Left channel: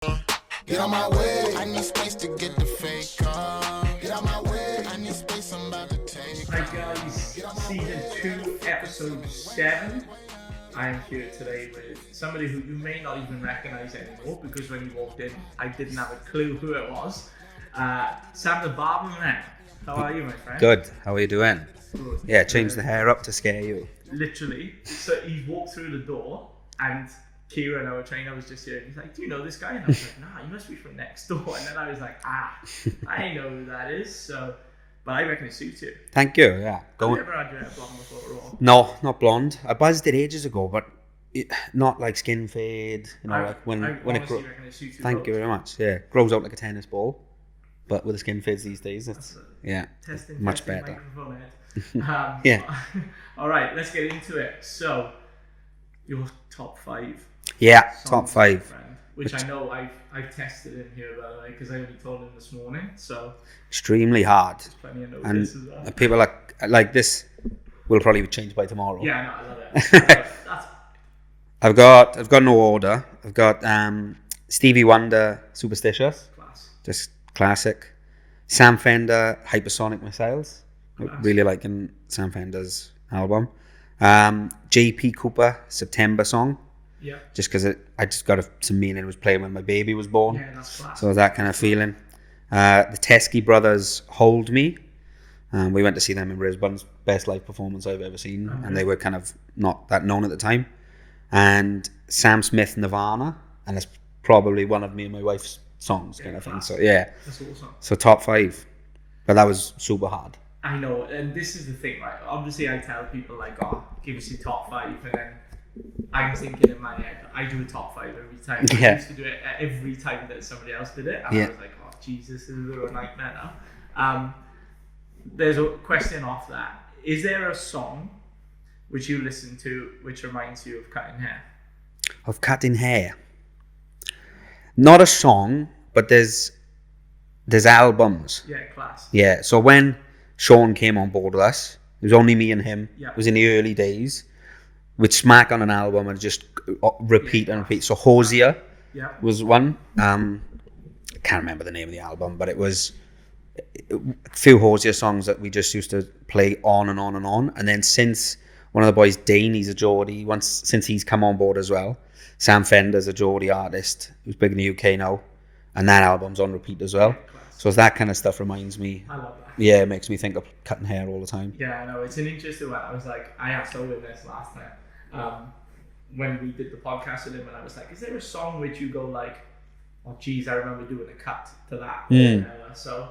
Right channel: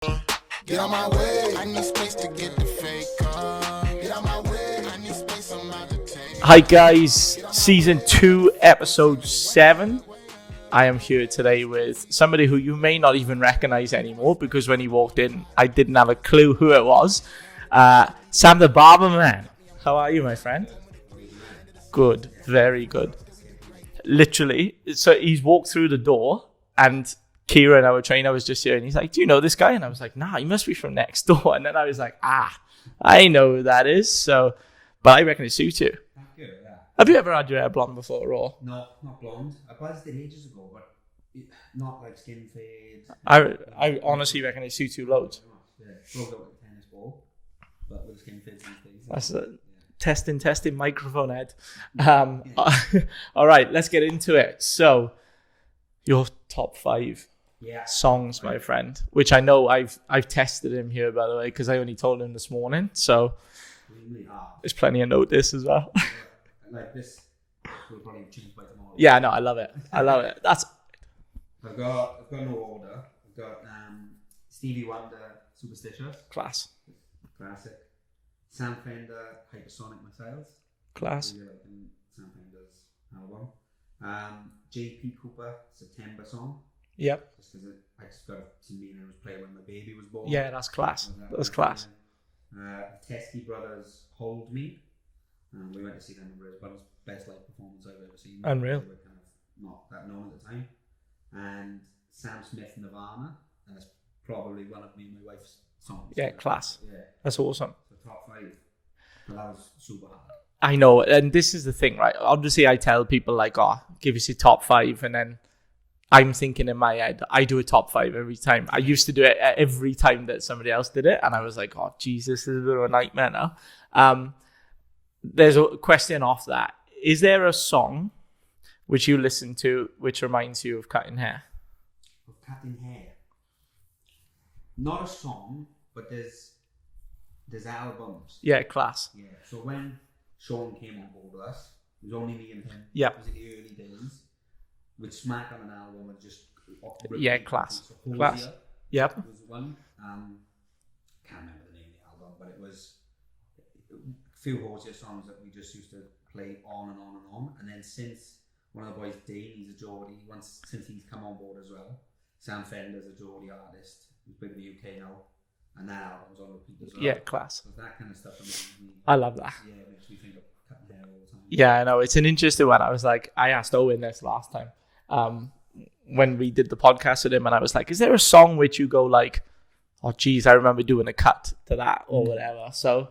Get out my way, I need space to get the fake car. Get out my way, I need space, I'm about to take. Hi guys, season 2, episode 7. I am here today with somebody who you may not even recognize anymore because when he walked in, I didn't have a clue who it was. Sam the Barber Man. How are you, my friend? Good. How are you doing? Good. Yeah, change very the hair good. up to scare you. Literally. So he's walked through the door and Kieran, our trainer, was just here and he's like, do you know this guy? And I was like, nah, he must be from next door. And then I was like, I know who that is. So, but I reckon it suits you. Thank you, yeah. Have you ever had your hair blonde before or? No, not blonde. I buzzed it ages ago, but not like skin fade. I honestly reckon it suits you. Thank you very much. Yeah, grows out like a tennis ball, but with the skin fades these days. That's it. Yeah. Testing, better. microphone head. Yeah. All right, let's get into it. So, your top 5 Yeah, songs, top 5. my friend, which I know I've tested him here, by the way, because I only told him this morning. So, Extremely hard. there's plenty of notice as well. People like this will probably be changed by tomorrow. Yeah, no, I love it. I love it. That's I've got no order. I've got Stevie Wonder, Superstitious. class. Just classic. Sam Fender, Hypersonic Missiles. Class. Really liking Sam Fender's album. JP Cooper, September song. Yeah. Just because I just got some meaning. It was playing when my baby was born. Yeah, that's class. So that kind of feeling. The Teskey Brothers, Hold Me. We went to see them in Brisbane's best live performance I've ever seen. Unreal. And they were kind of not that known at the time. And Sam Smith, Nirvana. And it's probably one of me and my wife's songs. Yeah, kind of class. thing. So, yeah. That's awesome. So top 5. But that was super hard. I know, and this is the thing, right? Obviously, I tell people like, give us your top 5, and then I'm thinking in my head, I do a top 5 every time. Yeah. I used to do it every time that somebody else did it, and I was like, oh, Jesus, this is a bit of a nightmare now. There's a question off that. Is there a song which you listen to which reminds you of cutting hair? Of cutting hair. Not a song, but there's albums. Yeah, class. Yeah, so when Sean came on board with us, it was only me and him. Yeah. It was in the early days. We'd smack on an album and just repeat and repeat. So Hosier was one. I can't remember the name of the album, but it was a few Hosier songs that we just used to play on and on and on. And then since one of the boys, Dane, he's a Geordie, since he's come on board as well, Sam Fender's a Geordie artist who's big in the UK now. And that album's on repeat as well. Yeah, class. So that kind of stuff reminds me. I love that. Yeah, it makes me think of cutting hair all the time. Yeah, I know. It's an interesting one. I was like, I asked Owen this last time when we did the podcast with him, and I was like, is there a song which you go like, oh, geez, I remember doing a cut to that or whatever. So,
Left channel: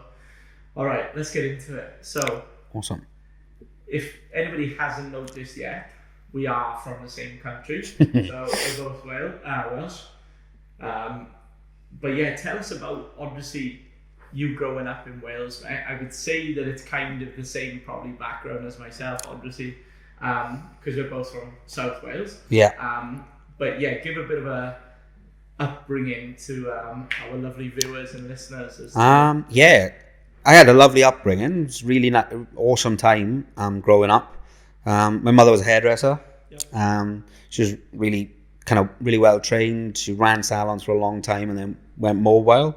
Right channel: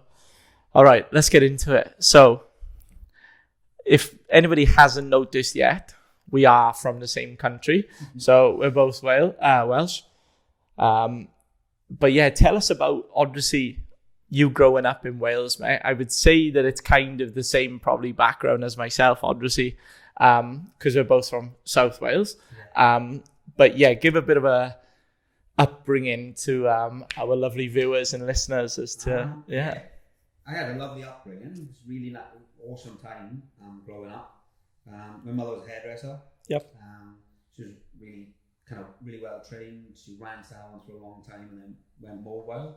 all right, let's get into it. So, Awesome. if anybody hasn't noticed yet, we are from the same country. So, we're both Welsh. But yeah, tell us about, obviously, you growing up in Wales. I would say that it's kind of the same probably background as myself, obviously, because we're both from South Wales. Yeah. But yeah, give a bit of a upbringing to our lovely viewers and listeners. As to, yeah, I had a lovely upbringing. It was really awesome time growing up. My mother was a hairdresser. Yep. She was really well trained. She ran salons for a long time and then went mobile.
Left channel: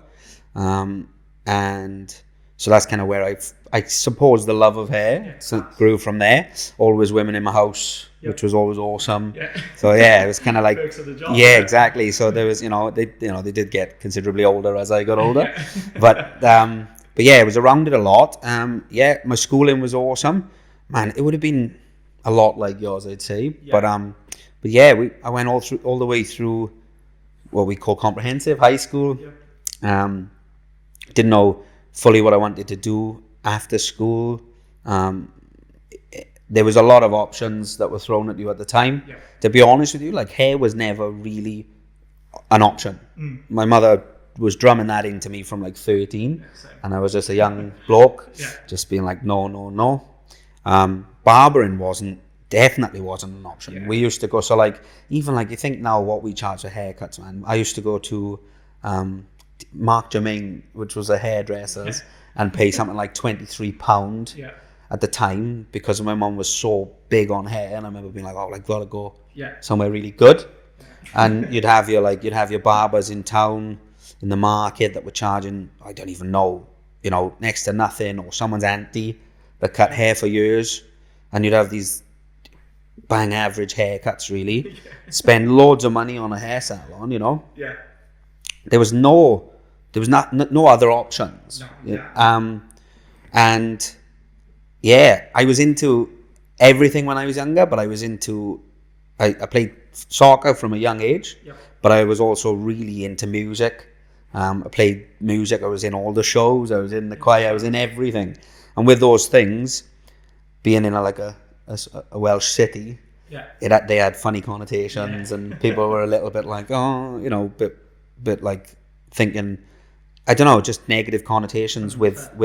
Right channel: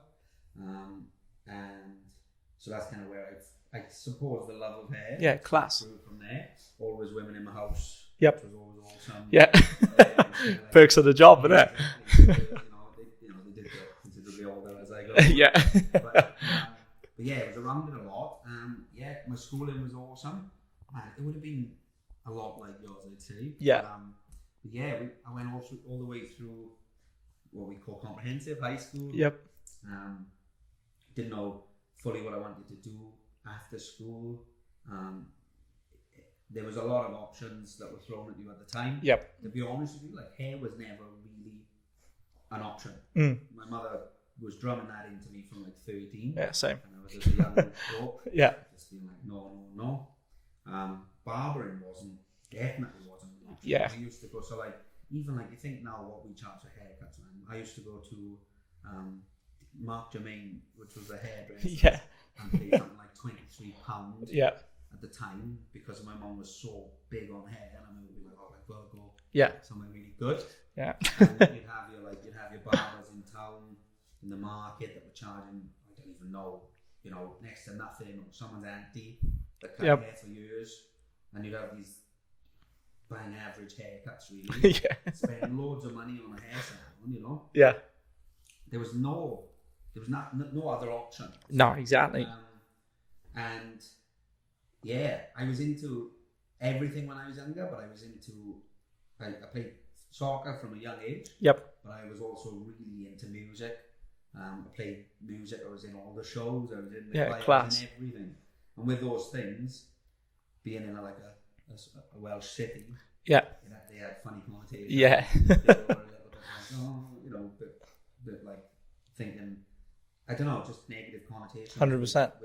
And so that's kind of where I suppose the love of hair grew from there. Always women in my house, which was always awesome. Yeah. So yeah, it was kind of like perks of the job. Yeah, exactly. So there was, they did get considerably older as I got older. But yeah, it was around it a lot. Yeah, my schooling was awesome. Man, it would have been a lot like yours, I'd say. Yeah. But yeah, I went all the way through what we call comprehensive high school. Yep. Didn't know fully what I wanted to do after school. There was a lot of options that were thrown at you at the time. Yep. To be honest with you, like hair was never really an option. My mother was drumming that into me from like 13. Yeah, same. And I was just a young bloke. Yeah. Just being like, no. Barbering definitely wasn't an option. Yeah. We used to go, so like, even like you think now what we charge for haircuts, man. I used to go to Mark Germain, which was a hairdresser's, and pay something like £23 at the time because my mum was so big on hair, and I remember being like, oh, like gotta go somewhere really good. Yeah. And you'd have your barbers in town. in the market that were charging, I don't even know, next to nothing, or someone's auntie that cut hair for years, and you'd have these bang average haircuts, really. Spend loads of money on a hair salon, Yeah. There was no other options. No, exactly. And yeah, I was into everything when I was younger, but I played soccer from a young age. Yep. But I was also really into music. I played music. I was in all the shows. I was in the choir. I was in everything. And with those things, being in a Welsh city, they had funny connotations, and people were a little bit like, bit like thinking, I don't know, just negative connotations 100%.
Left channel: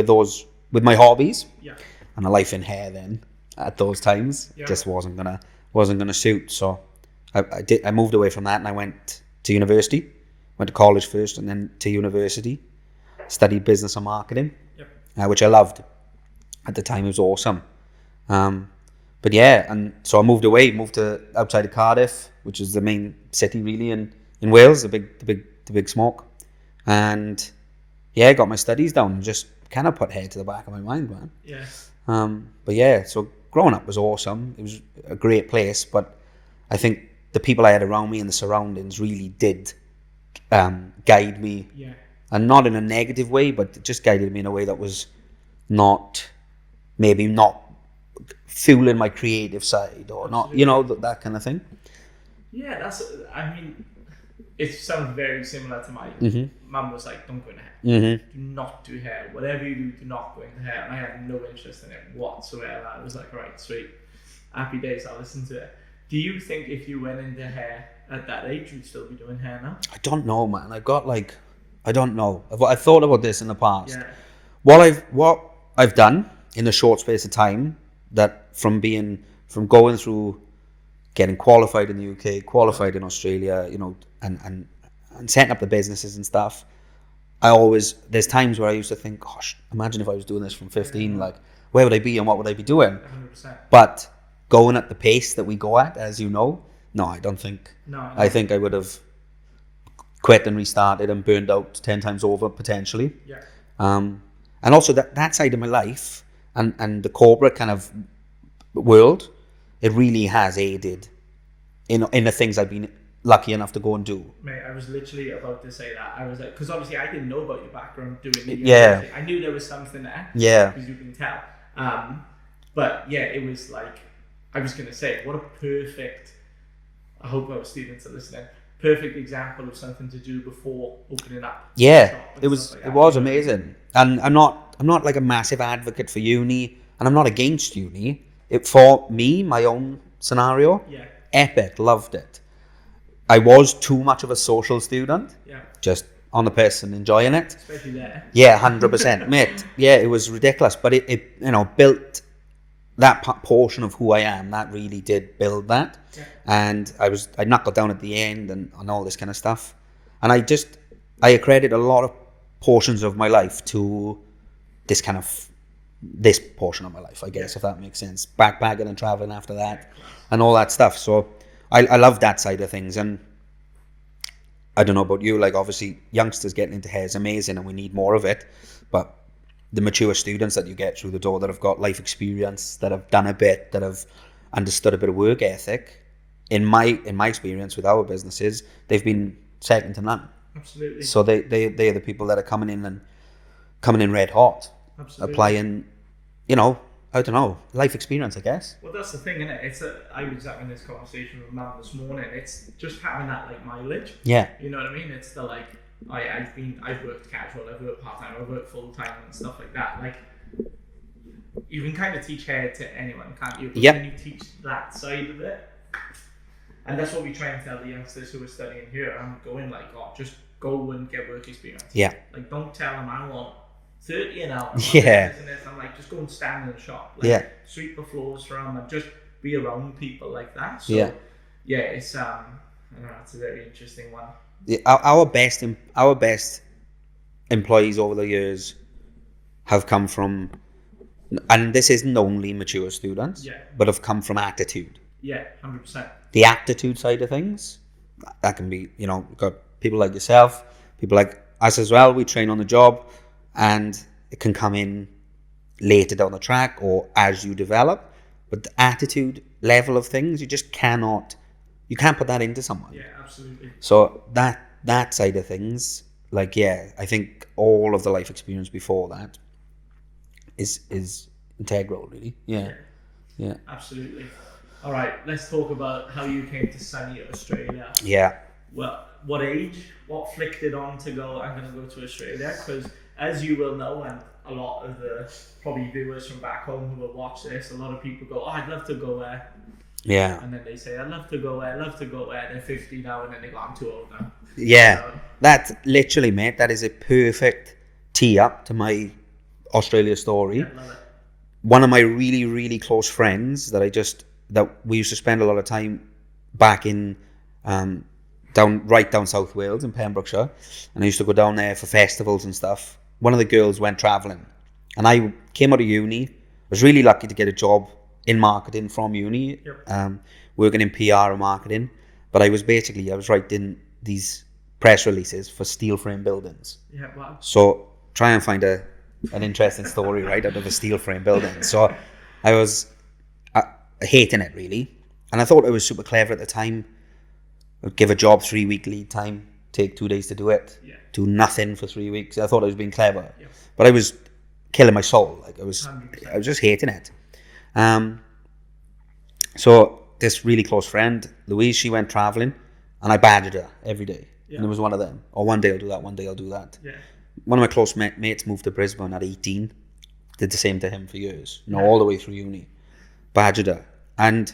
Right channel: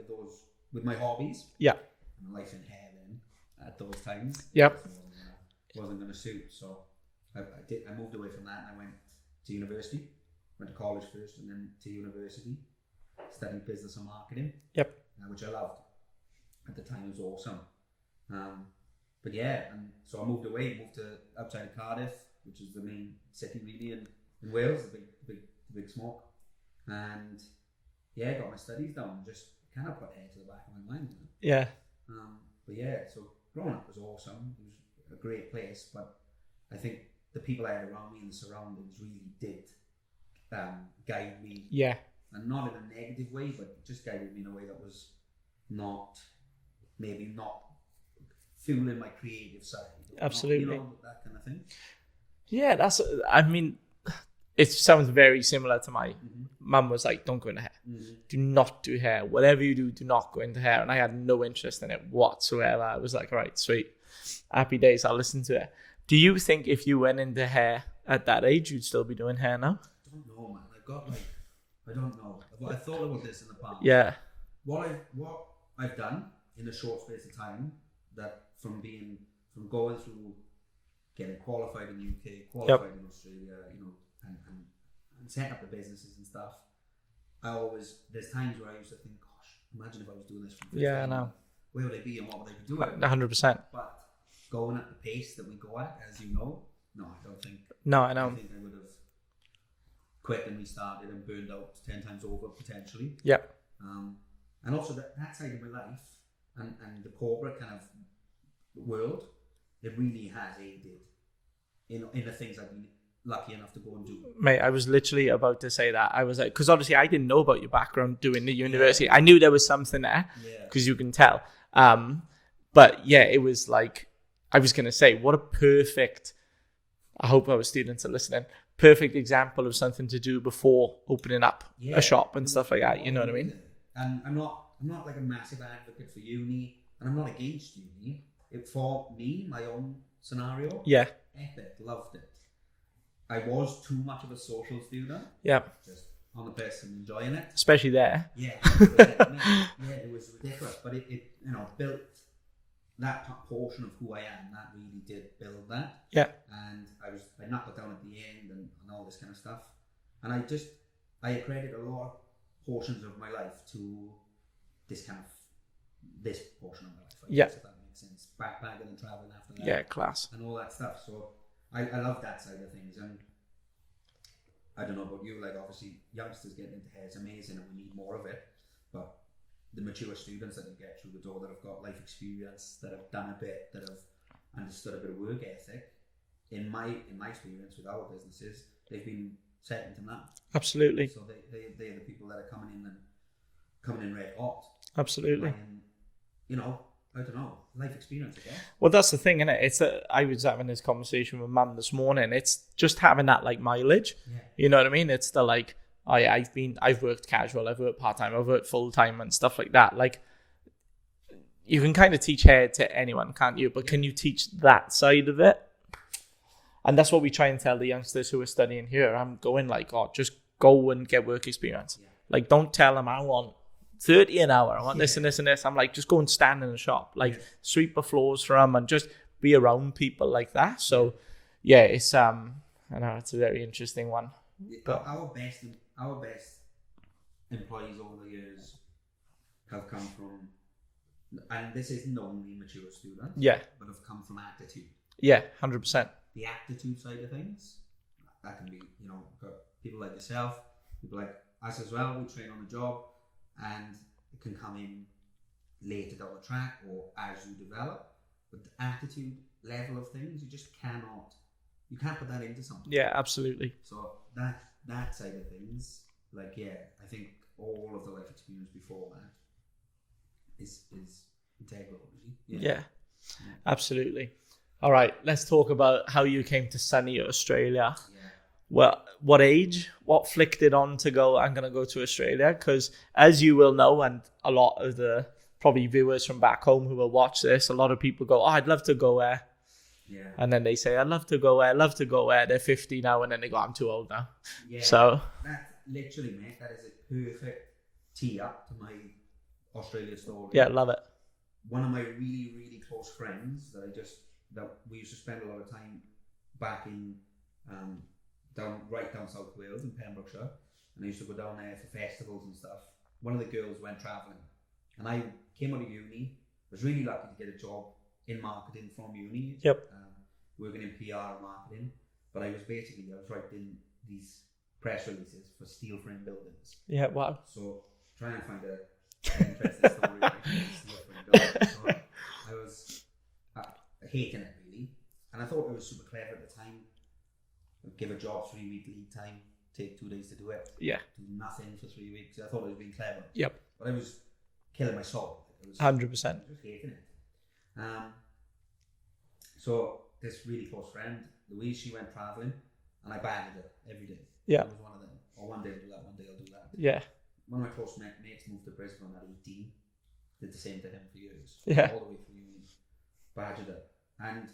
with my hobbies. Yeah. And a life in hair then at those times just wasn't gonna suit. So I moved away from that, and I went to university. Went to college first and then to university. Studied business and marketing. Yep. Which I loved. At the time, it was awesome. But yeah, and so I moved to outside of Cardiff, which is the main city really in Wales, the big smoke. And yeah, got my studies down and just kind of put hair to the back of my mind, man. Yeah. But yeah, so growing up was awesome. It was a great place, but I think the people I had around me and the surroundings really did guide me. Yeah. And not in a negative way, but just guided me in a way that was not fueling my creative side or Absolutely. not, that kind of thing. Yeah, it sounds very similar to my mum was like, don't go into hair. Mm-hmm. Do not do hair. Whatever you do not go into hair. And I had no interest in it whatsoever. I was like, all right, sweet. Happy days, I'll listen to it. Do you think if you went into hair at that age, you'd still be doing hair now? I don't know, man. I don't know. I've thought about this in the past. Yeah. What I've done in a short space of time, that from going through getting qualified in the UK, qualified in Australia, and setting up the businesses and stuff, there's times where I used to think, gosh, imagine if I was doing this from 15, like, where would I be and what would I be doing? 100%. But going at the pace that we go at, as you know, no, I don't think. No, I know. I think I would have quit and restarted and burned out 10 times over, potentially. Yeah. And also that side of my life and the corporate kind of world, it really has aided in the things I've been lucky enough to go and do. Mate, I was literally about to say that. I was like, because obviously I didn't know about your background doing the university. Yeah. I knew there was something there. Yeah. Because you can tell. But yeah, it was like, I was going to say, what a perfect, I hope our students are listening, perfect example of something to do before opening up a shop and stuff like that. It was amazing. And I'm not like a massive advocate for uni, and I'm not against uni. For me, my own scenario, epic, loved it. I was too much of a social student. Yeah. Just on the person enjoying it. Especially there. Yeah, 100%. Mate, yeah, it was ridiculous. But it built that portion of who I am. That really did build that. Yeah. And I knuckled down at the end and all this kind of stuff. And I accredit a lot of portions of my life to this portion of my life, I guess, if that makes sense. Backpacking and traveling after that. Yeah, class. And all that stuff. So I love that side of things. And I don't know about you, like obviously youngsters getting into hair is amazing and we need more of it. But the mature students that you get through the door that have got life experience, that have done a bit, that have understood a bit of work ethic, in my experience with our businesses, they've been second to none. Absolutely. So they're the people that are coming in red hot. Absolutely. Applying, I don't know, life experience, I guess. Well, that's the thing, innit? I was having this conversation with Mum this morning. It's just having that like mileage. Yeah. You know what I mean? It's the like, I've worked casual, I've worked part time, I've worked full time and stuff like that. Like, you can kind of teach hair to anyone, can't you? But can you teach that side of it? And that's what we try and tell the youngsters who are studying here. I'm going like, just go and get work experience. Yeah. Like, don't tell them I want 30 an hour, I want this and this. I'm like, just go and stand in the shop, like sweep the floors for them and just be around people like that. So it's I know it's a very interesting one. Our best employees over the years have come from, and this isn't only mature students, but have come from attitude. Yeah, 100%. The aptitude side of things, that can be, we've got people like yourself, people like us as well, we train on the job, and it can come in later down the track or as you develop. But the attitude level of things, you can't put that into someone. Yeah, absolutely. So that side of things, like, yeah, I think all of the life experience before that is integral, really. Yeah. Absolutely. All right, let's talk about how you came to sunny Australia. Yeah. Well, what age? What flicked it on to go, I'm going to go to Australia? Because as you will know, and a lot of the probably viewers from back home who will watch this, a lot of people go, I'd love to go there. Yeah. And then they say, I'd love to go there. They're 50 now, and then they go, I'm too old now. Yeah. So that's literally, mate, that is a perfect tee up to my Australia story. yeah, love it. One of my really, really close friends that we used to spend a lot of time back in down South Wales in Pembrokeshire, and I used to go down there for festivals and stuff. One of the girls went travelling, and I came out of uni. I was really lucky to get a job in marketing from uni. Yep. Working in PR and marketing, but I was writing these press releases for steel frame buildings. Yeah, wow. So try and find an interesting story, right, out of a steel frame building. So I was hating it, really, and I thought I was super clever at the time. I'd give a job 3-week lead time, take 2 days to do it. Yeah. Do nothing for 3 weeks. I thought I was being clever. Yep. But I was killing my soul. Like, I was 100%. I was just hating it. So this really close friend, Louise, she went traveling, and I badgered her every day. Yeah. And it was one of them. Or one day I'll do that, one day I'll do that. Yeah. One of my close mates moved to Brisbane at 18. Did the same to him for years. Yeah. All the way through uni. Badgered her. And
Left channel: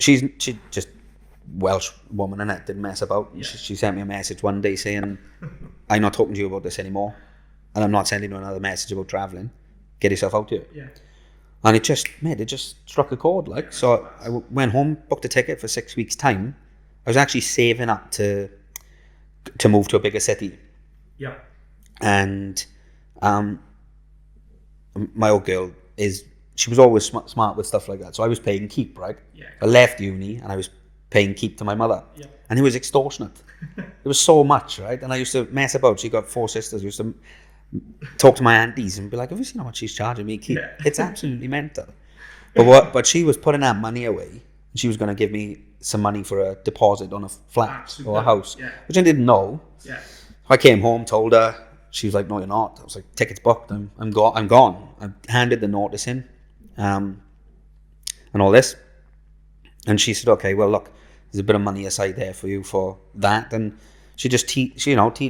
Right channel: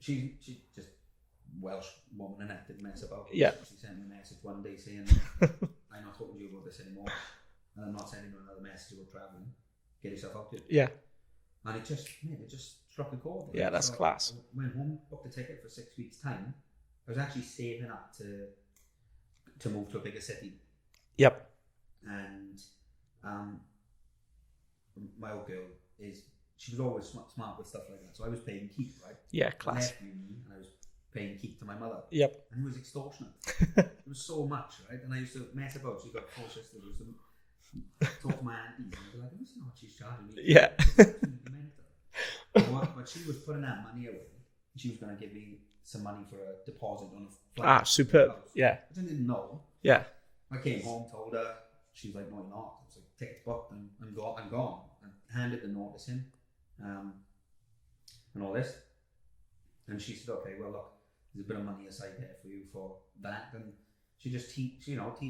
she just Welsh woman, and it didn't mess about. Yeah. She sent me a message one day saying, I'm not talking to you about this anymore, and I'm not sending you another message about travelling. Get yourself out here. Yeah. And it just struck a chord. Like, Yeah, that's so class. I went home, booked a ticket for 6 weeks' time. I was actually saving up to move to a bigger city. Yep. And my old girl she was always smart with stuff like that. So I was paying keep, right? Yeah. I left uni and I was paying keep to my mother. Yep. And it was extortionate. It was so much, right? And I used to mess about. She got 4 sisters. I used to talk to my aunties and be like, have you seen how much she's charging me? Keep? Yeah. It's absolutely mental. But she was putting that money away. And she was going to give me some money for a deposit on a flat or a house. Yeah. Which I didn't know. Yeah. I came home, told her. She was like, no, you're not. I was like, tickets booked. I'm gone. I handed the notice in. And all this. And she said, okay, well, look, there's a bit of money aside there for you for that. And she just teed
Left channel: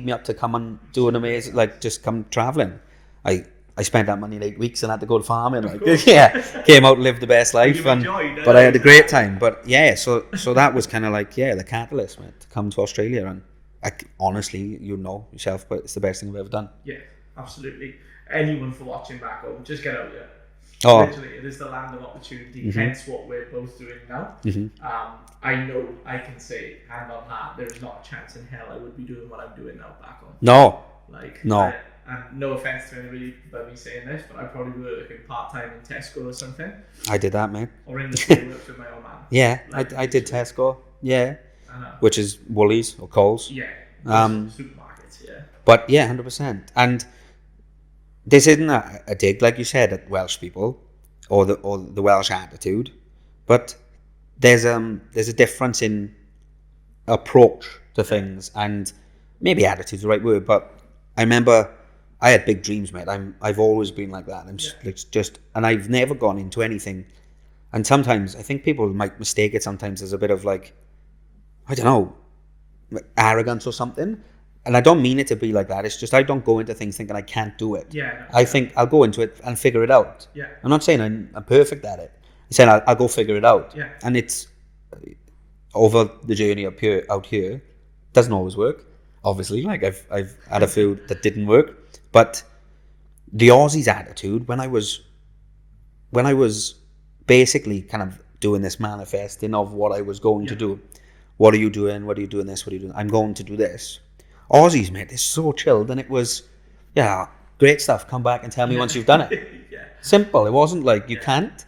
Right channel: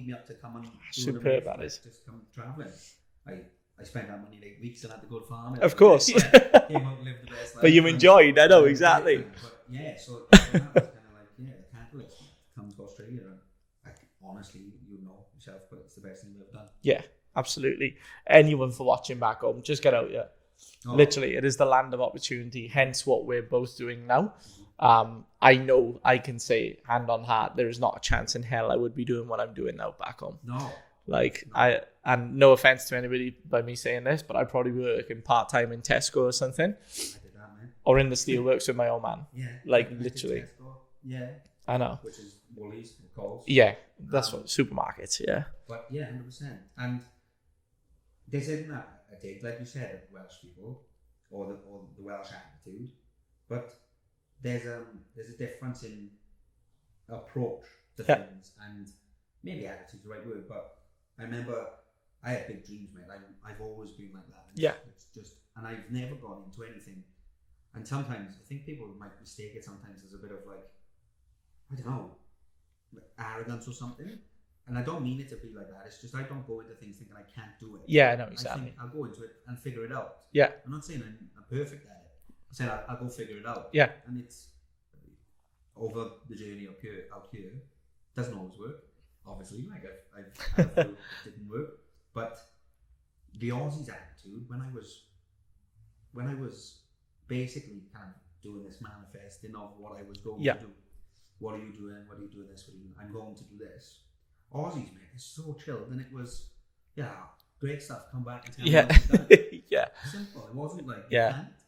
me up to come and do an amazing, like, just come traveling. I spent that money in 8 weeks and had to go to farming. Of course. Yeah. Came out and lived the best life. But you enjoyed. But I had a great time. But yeah, so that was kind of like, the catalyst, man, to come to Australia. And honestly, you know yourself, but it's the best thing I've ever done. Yeah, absolutely. Anyone for watching back home, just get out here. Oh. Literally, it is the land of opportunity, hence what we're both doing now. I know I can say hand on heart, there is not a chance in hell I would be doing what I'm doing now back home. No. And no offense to anybody by me saying this, but I'd probably be working part-time in Tesco or something. I did that, man. Or in the steelworks with my old man. Yeah, Like, I did Tesco. Yeah. I know. Which is Woolies or Coles. Yeah. Supermarkets, yeah. But yeah, 100%. And this isn't a dig, like you said, at Welsh people or the Welsh attitude, but there's a difference in approach to things, and maybe attitude's the right word, but I remember I had big dreams, mate. I've always been like that. I'm just and I've never gone into anything. And sometimes I think people might mistake it sometimes as a bit of like, I don't know, arrogance or something. And I don't mean it to be like that. It's just I don't go into things thinking I can't do it. Yeah, no. I think I'll go into it and figure it out. Yeah. I'm not saying I'm perfect at it. I'm saying I'll go figure it out. Yeah. And it's over the journey out here. Doesn't always work, obviously. Like I've had a few that didn't work. But the Aussies' attitude when I was basically kind of doing this manifesting of what I was going to do. What are you doing? What are you doing this? What are you doing? I'm going to do this. Aussies, mate, they're so chilled, and it was, great stuff. Come back and tell me once you've done it. Yeah. Simple. It wasn't like you can't.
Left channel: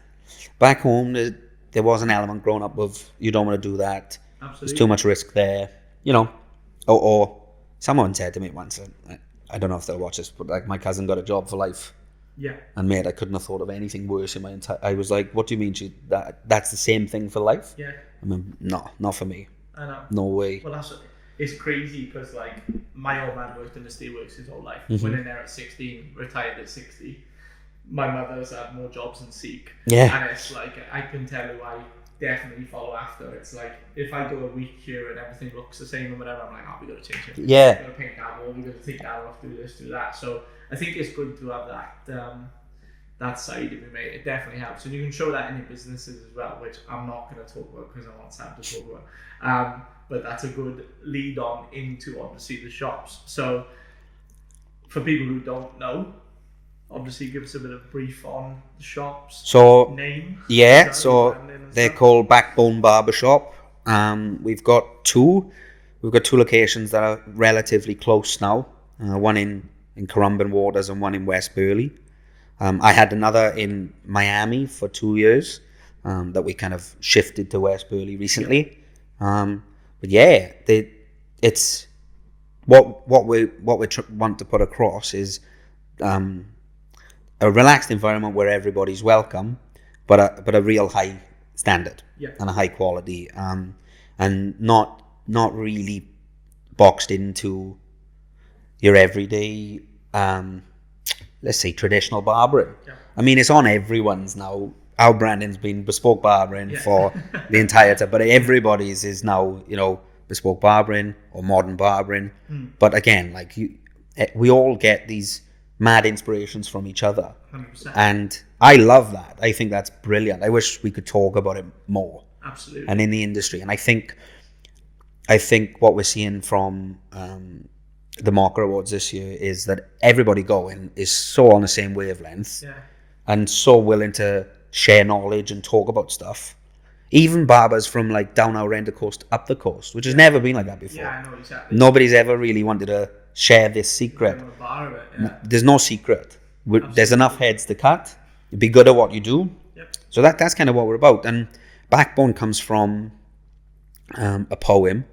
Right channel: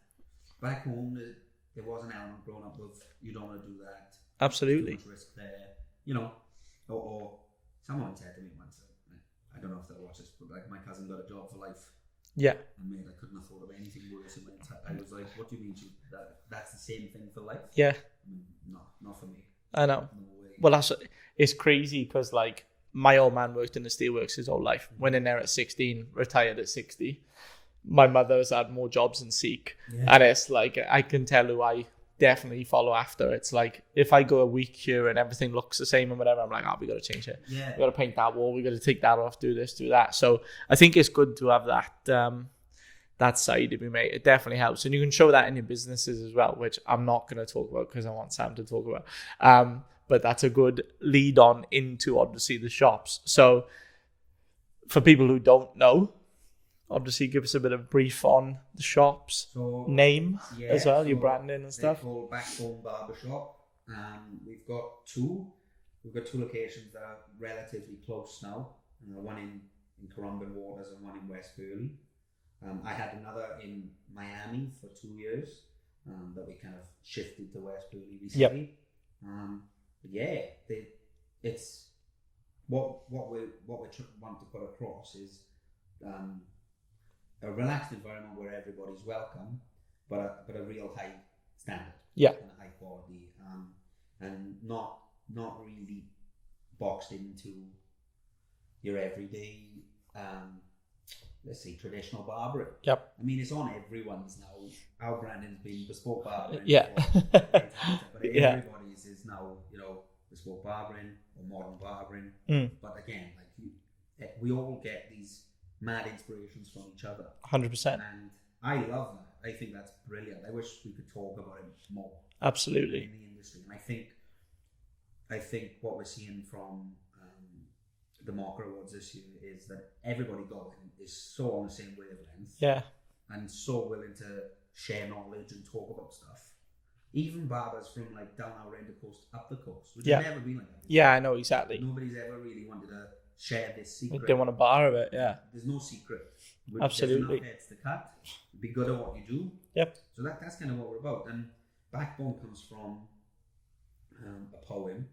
Back home, there was an element growing up of you don't want to do that. Absolutely. There's too much risk there, or someone said to me once, I don't know if they'll watch this, but like my cousin got a job for life. Yeah. And mate, I couldn't have thought of anything worse in my entire. I was like, what do you mean? That's the same thing for life? Yeah. I mean, no, not for me. I know. No way. Well, it's crazy because like my old man worked in the steelworks his whole life. Went in there at 16, retired at 60. My mother's had more jobs than Seek. Yeah. And it's like, I can tell who I definitely follow after. It's like, if I go a week here and everything looks the same and whatever, I'm like, we got to change it. Yeah. We got to paint that wall. We got to take that off, do this, do that. So I think it's good to have that side of me, mate. It definitely helps. And you can show that in your businesses as well, which I'm not going to talk about because I want Sam to talk about. But that's a good lead on into, obviously, the shops. So for people who don't know, obviously give us a bit of brief on the shops. So name. Yeah, well, so they're called Backbone Barbershop. We've got two locations that are relatively close now. One in Currumbin Waters and one in West Burleigh. I had another in Miami for 2 years that we kind of shifted to West Burleigh recently. Yep. But yeah, it's what we want to put across is a relaxed environment where everybody's welcome, but a real high standard, and a high quality, and not really boxed into your everyday, let's say, traditional barbering. Yep. I mean, it's on everyone's now. Our branding's been bespoke barbering for the entire time, but everybody's is now, bespoke barbering or modern barbering. But again, like we all get these mad inspirations from each other. 100%. And I love that. I think that's brilliant. I wish we could talk about it more. Absolutely. And in the industry. And I think what we're seeing from the Marker Awards this year is that everybody going is so on the same wavelength. Yeah. And so willing to share knowledge and talk about stuff. Even barbers from like down our end of the coast up the coast, which has never been like that before. Yeah, I know exactly. Nobody's ever really wanted to share this secret. They want to bar of it, yeah. There's no secret. There's enough heads to cut. Be good at what you do. Yep. So that's kind of what we're about. And Backbone comes from a poem,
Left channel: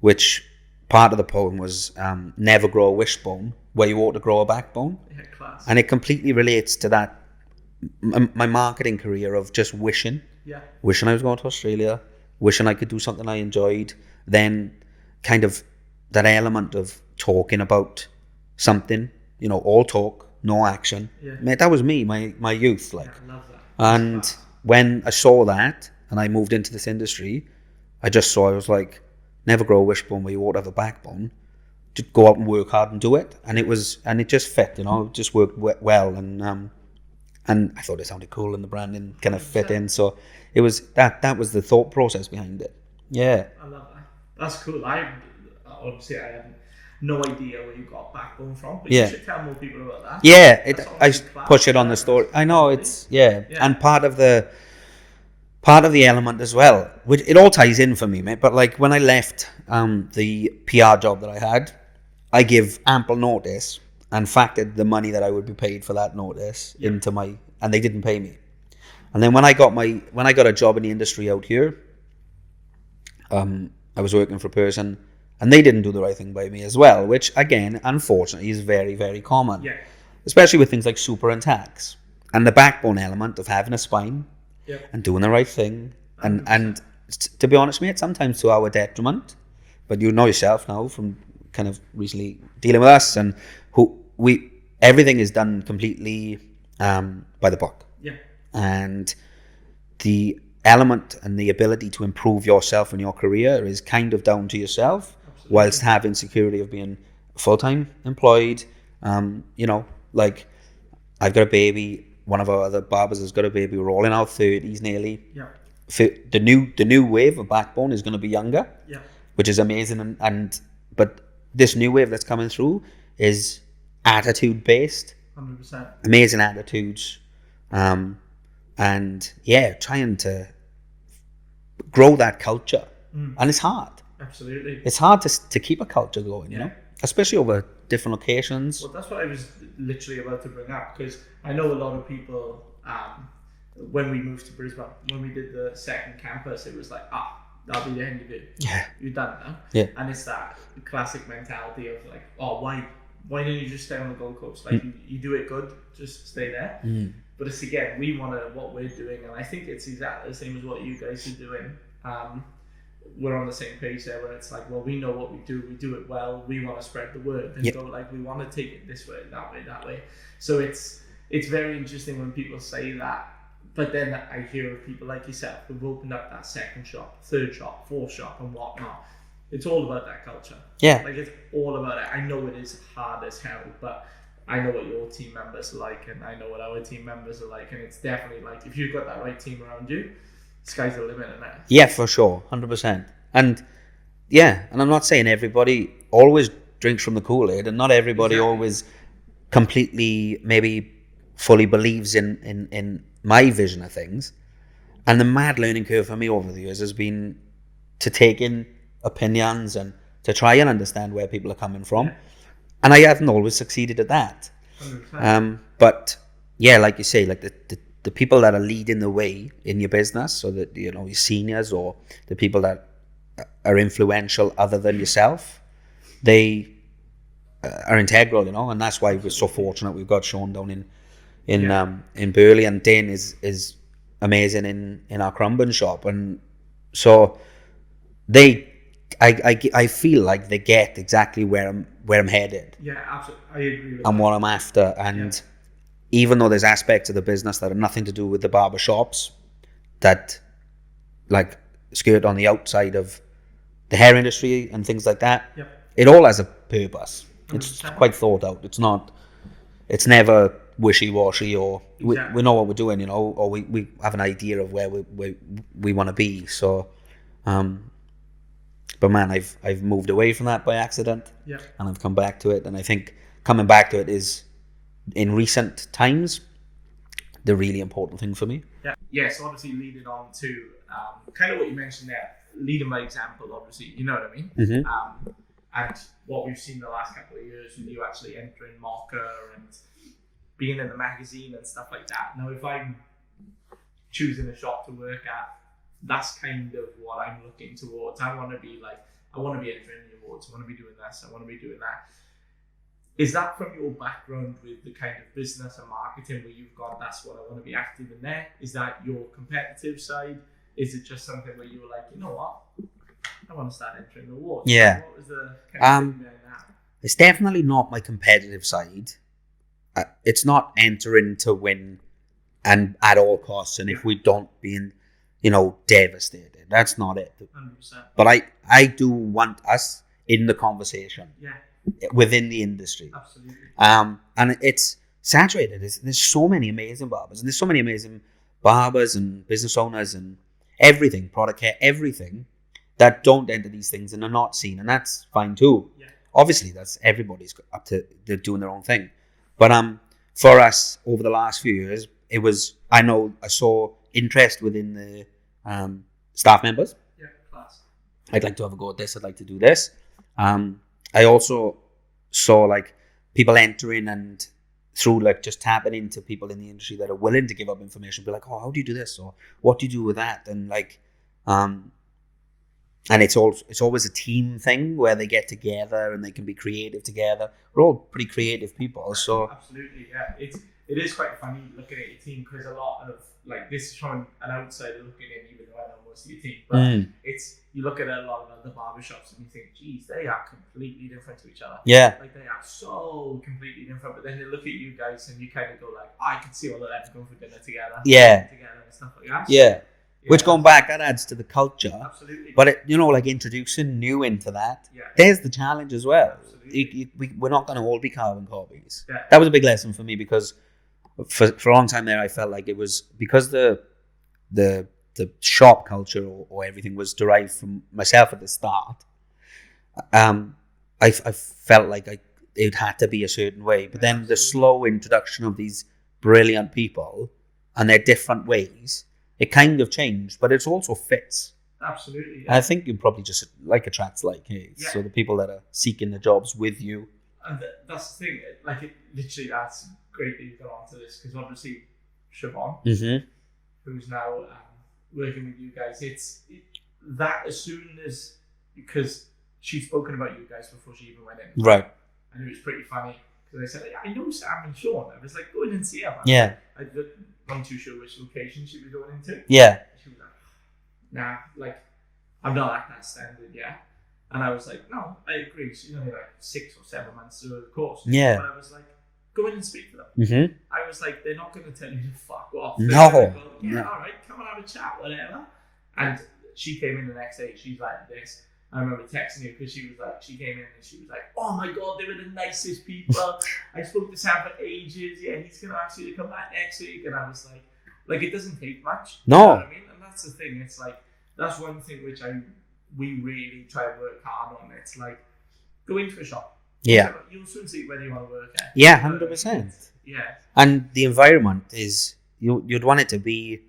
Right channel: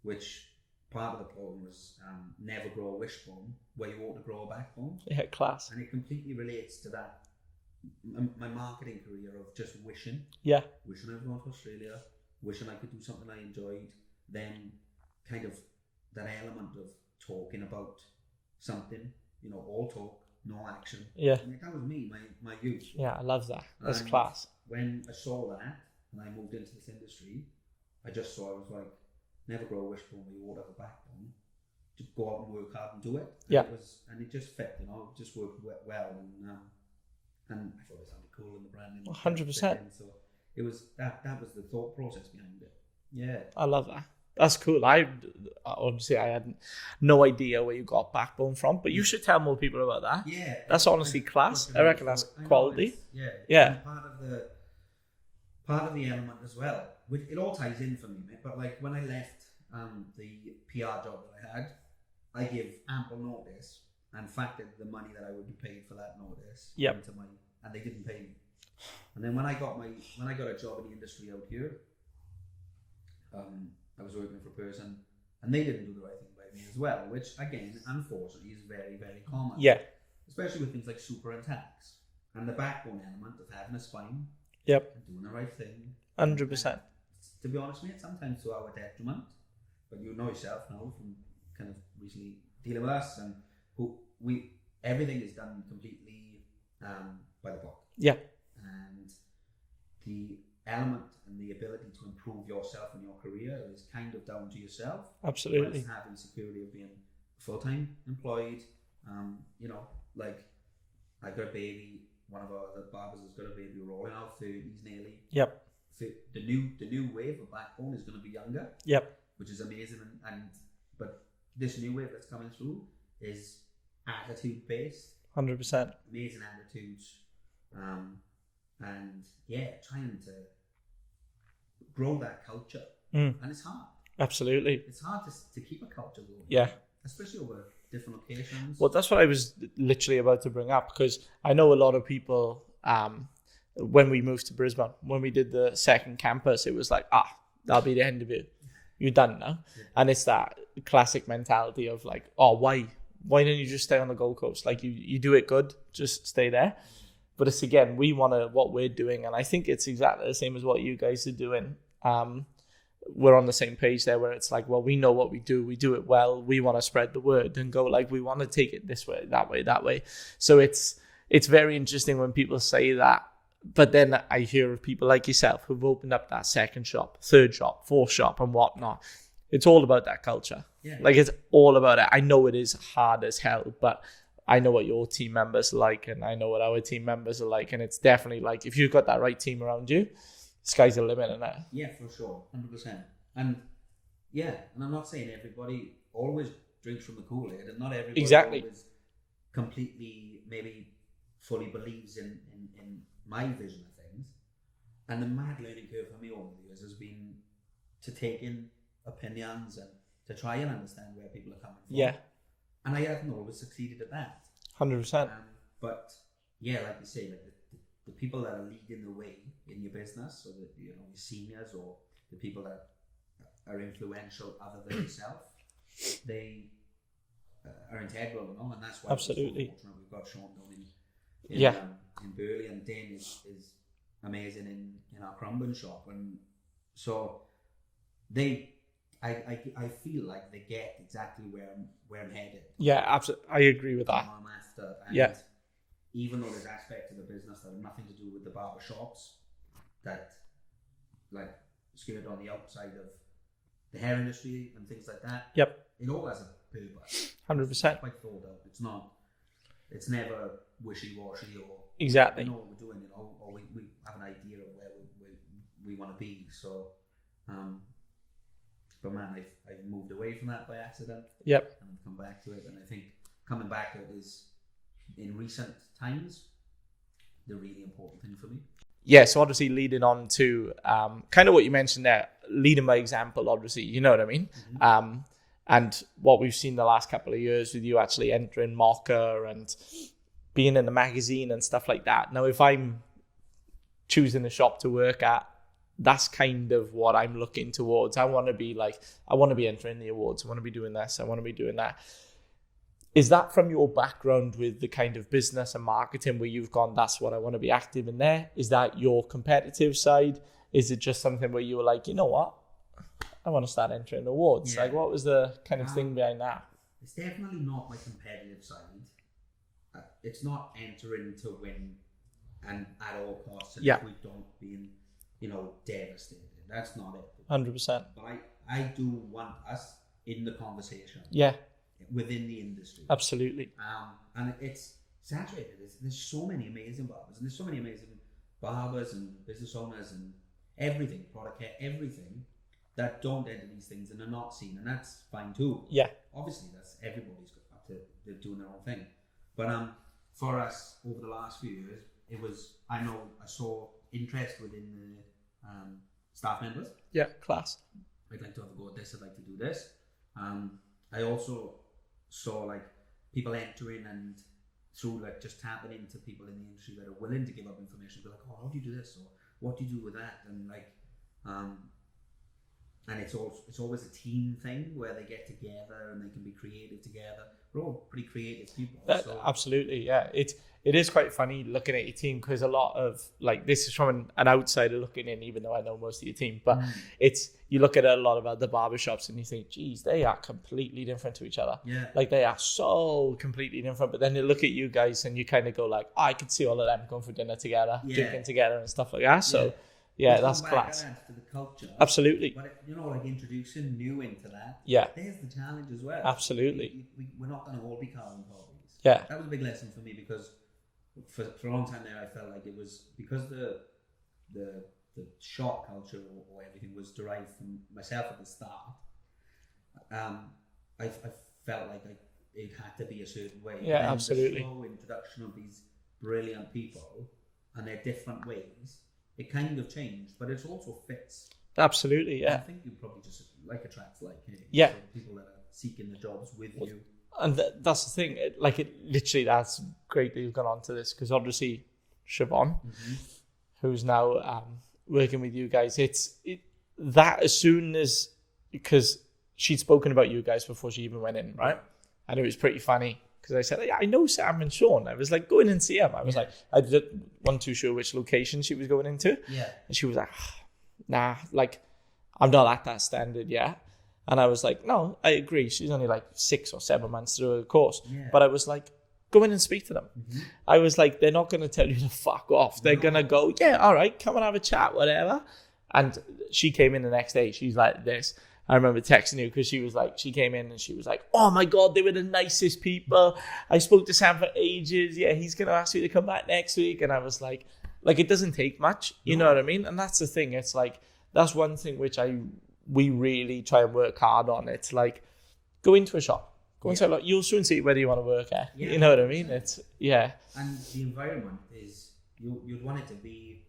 which part of the poem was never grow a wishbone where you ought to grow a backbone. Yeah, class. And it completely relates to that, my marketing career of just wishing. Yeah. Wishing I was going to Australia, wishing I could do something I enjoyed. Then kind of that element of talking about something, all talk, no action. Yeah. Mate, that was me, my youth. Like. Yeah, I love that. And when I saw that and I moved into this industry, I was like, never grow a wishbone where you ought to have a backbone. Just go out and work hard and do it. And it just fit, it just worked well. And I thought it sounded cool and the branding kind of fit in. So it was that was the thought process behind it. Yeah. I love that. That's cool. Honestly, I had no idea where you got Backbone from, but you should tell more people about that. Yeah, that's honestly class. Push it on the story. I know quality. it's and part of the element as well, which it all ties in for me, mate. But like when I left the PR job that I had, I give ample notice and factored the money that I would be paid for that notice into and they didn't pay me. And then when I got a job in the industry out here, I was working for a person and they didn't do the right thing by me as well, which again, unfortunately, is very, very common. Yeah. Especially with things like super and tax. And the backbone element of having a spine and doing the right thing. And to be honest, mate, sometimes to our detriment. But you know yourself now from kind of recently dealing with us and everything is done completely by the book. Yeah. And the element and the ability to improve yourself and your career is kind of down to yourself. Absolutely. Whilst having security of being full-time employed. Like I've got a baby, one of our other barbers has got a baby, we're all in our 30s nearly. Yep. The new wave of Backbone is going to be younger. Yep. Which is amazing, but this new wave that's coming through is attitude based. 100%. Amazing attitudes, and trying to grow that culture, and it's hard. Absolutely, it's hard to keep a culture going. Yeah, especially over different locations. Well, that's what I was literally about to bring up because I know a lot of people. When we moved to Brisbane, when we did the second campus, it was like, that'll be the end of it. Yeah. You're done now. Yeah. And it's that classic mentality of like, oh, why don't you just stay on the Gold Coast? Like you do it good, just stay there. But it's again, we want to, what we're doing, and I think it's exactly the same as what you guys are doing. We're on the same page there, where it's like, well, we know what we do it well. We want to spread the word and go like, we want to take it this way, that way. So it's very interesting when people say that. But then I hear of people like yourself who've opened up that second shop, third shop, fourth shop, and whatnot. It's all about that culture. Yeah. Like, it's all about it. I know it is hard as hell, but I know what your team members are like, and I know what our team members are like. And it's definitely like, if you've got that right team around you, sky's the limit, isn't it? Yeah, for sure. 100%. And yeah, and I'm not saying everybody always drinks from the Kool-Aid, and not everybody always completely maybe fully believes in my vision of things. And the mad learning curve for me over the years has been to take in opinions and to try and understand where people are coming from. Yeah. And I haven't always succeeded at that. 100%. But yeah, like you say, like the people that are leading the way in your business, so that, you know, your seniors or the people that are influential other than yourself, they are integral, you know, and that's why we're so fortunate we've got Sean down in Burley, and Dane is amazing in our crumbin shop, and so I feel like they get exactly where I'm headed. Yeah, absolutely. I agree with that. And what I'm after. And even though there's aspects of the business that have nothing to do with the barber shops, that like skirt on the outside of the hair industry and things like that. Yep. It all has a purpose. 100%. It's quite thought out. It's never wishy-washy, or we know what we're doing, you know, or we have an idea of where we want to be. So, but man, I've moved away from that by accident. Yep. And I've come back to it, and I think coming back to it is, in recent times, the really important thing for me. Yeah. So obviously leading on to kind of what you mentioned there, leading by example, obviously, you know what I mean? Mm-hmm. And what we've seen the last couple of years with you actually entering Mocha and being in the magazine and stuff like that. Now, if I'm choosing a shop to work at, that's kind of what I'm looking towards. I want to be entering the awards. I want to be doing this. I want to be doing that. Is that from your background with the kind of business and marketing where you've gone, that's what I want to be active in there? Is that your competitive side? Is it just something where you were like, you know what? I want to start entering awards. Yeah. So what was the kind of thing behind that? It's definitely not my competitive side. It's not entering to win and at all costs. And if we don't being, you know, devastated. That's not it. 100%. But I do want us in the conversation. Yeah. Within the industry. Absolutely. And it's saturated. There's so many amazing barbers, and there's so many amazing barbers and business owners and everything, product care, everything, that don't enter these things and are not seen, and that's fine too. Yeah. Obviously, that's everybody's up to, they're doing their own thing. But for us over the last few years, it was, I saw interest within the staff members. Yeah, class. I'd like to have a go at this. I'd like to do this. I also saw like people entering and through like just tapping into people in the industry that are willing to give up information, be like, oh, how do you do this? Or what do you do with that? And like, and it's always a team thing where they get together and they can be creative together. We're all pretty creative people. So absolutely, yeah. It is quite funny looking at your team, because a lot of, like, this is from an outsider looking in, even though I know most of your team, but you look at a lot of other barbershops and you think, geez, they are completely different to each other. Yeah. Like, they are so completely different. But then you look at you guys and you kind of go like, oh, I can see all of them going for dinner together. Yeah. Together and stuff like that. So, yeah. Which, going back, that adds to the culture. Absolutely. But, like introducing new into that, yeah, there's the challenge as well. Absolutely. We're not going to all be carbon copies. Yeah. That was a big lesson for me, because for a long time there, I felt like it was because the shop culture or everything was derived from myself at the start. I felt like it had to be a certain way. Yeah, but then absolutely. the slow introduction of these brilliant people and their different ways, it kind of changed, but it also fits. Absolutely, yeah. I think you probably just attracts hey. Yeah. So the people that are seeking the jobs with you. And that's the thing. Literally, that's great that you've gone on to this, because obviously Siobhan, who's now working with you guys, that as soon as, because she'd spoken about you guys before she even went in, right? And it was pretty funny because I said, I know Sam and Sean. I was like, go in and see them. I wasn't too sure which location she was going into. Yeah. And she was like, nah, like, I'm not at that standard yet. And I was like, no, I agree. She's only like 6 or 7 months through the course. Yeah. But I was like, go in and speak to them. Mm-hmm. I was like, they're not going to tell you to fuck off. They're going to go, all right, come and have a chat, whatever. And she came in the next day. She's like this. I remember texting you because she came in and she was like, oh my God, they were the nicest people. I spoke to Sam for ages. Yeah, he's going to ask you to come back next week. And I was like, it doesn't take much. You know what I mean? And that's the thing. It's like, that's one thing which we really try and work hard on. It's like, go into a shop. You'll soon see whether you want to work there. Yeah, you know what I mean? Yeah. And the environment is, you'd want it to be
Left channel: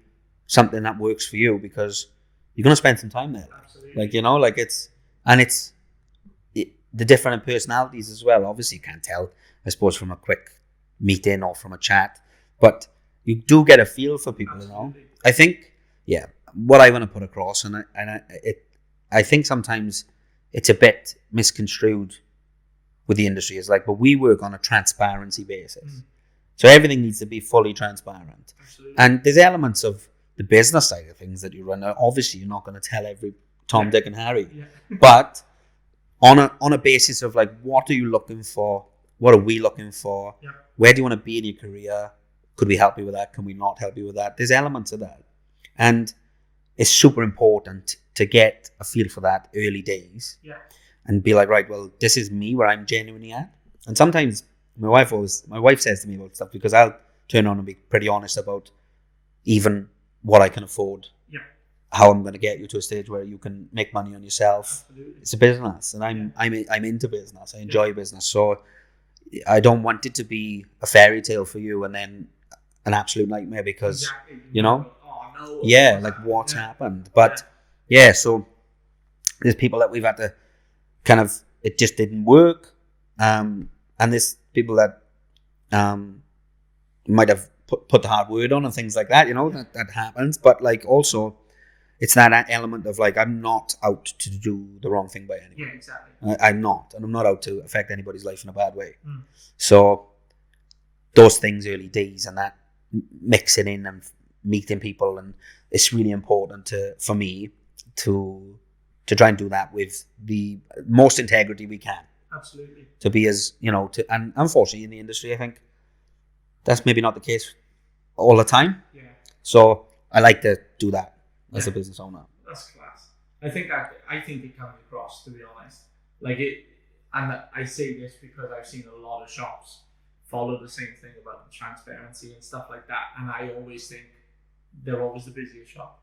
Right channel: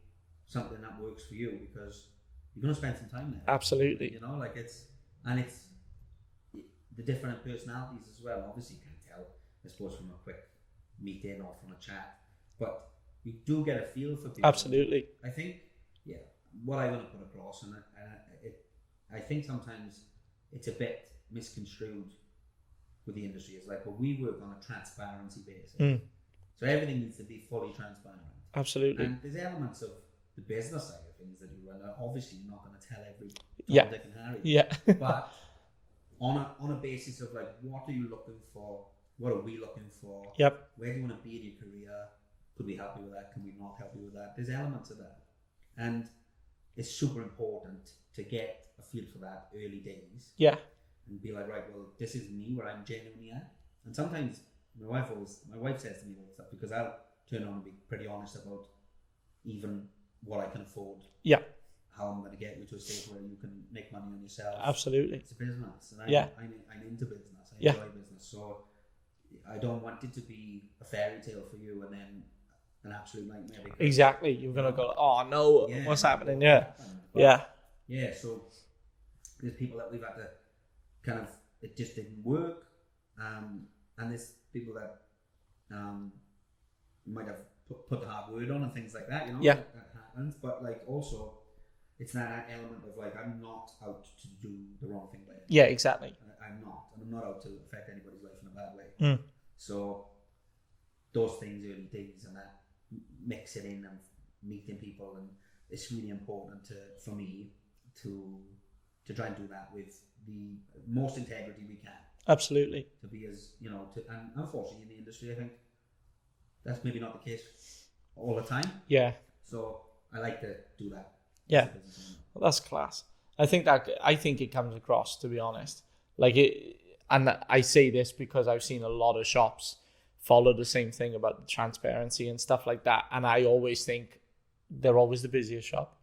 something that works for you because you're going to spend some time there. Absolutely. The different personalities as well. Obviously, you can't tell, I suppose, from a quick meeting or from a chat, but you do get a feel for people. Absolutely. You know? I think, what I want to put across, I think sometimes it's a bit misconstrued with the industry. It's like, but we work on a transparency basis. So everything needs to be fully transparent. Absolutely. And there's elements of the business side of things that you run. Obviously, you're not going to tell every Tom, Dick, and Harry. Yeah. But on a basis of like, what are you looking for? What are we looking for? Yep. Where do you want to be in your career? Could we help you with that? Can we not help you with that? There's elements of that. And it's super important to get a feel for that early days. Yeah. And be like, right, well, this is me where I'm genuinely at. And sometimes my wife says to me about stuff because I'll turn on and be pretty honest about even what I can afford. Yeah. How I'm going to get you to a stage where you can make money on yourself. Absolutely. It's a business, and I'm into business. I enjoy business, so I don't want it to be a fairy tale for you and then an absolute nightmare because you know, go, oh no, what's happened? But so there's people that we've had to kind of, it just didn't work, and there's people that might have put the hard word on and things like that. You know, that happens. But like also, it's that element of like, I'm not out to do the wrong thing by anyone. Yeah, exactly. I'm not. And I'm not out to affect anybody's life in a bad way. So those things early days and that mixing in and meeting people, and it's really important for me to try and do that with the most integrity we can. Absolutely. To be as, and unfortunately in the industry, I think that's maybe not the case all the time. Yeah. So I like to do that. As a business owner. Well, that's class. I think it comes across, to be honest. Like it, and I say this because I've seen a lot of shops follow the same thing about transparency and stuff like that. And I always think they're always the busiest shop.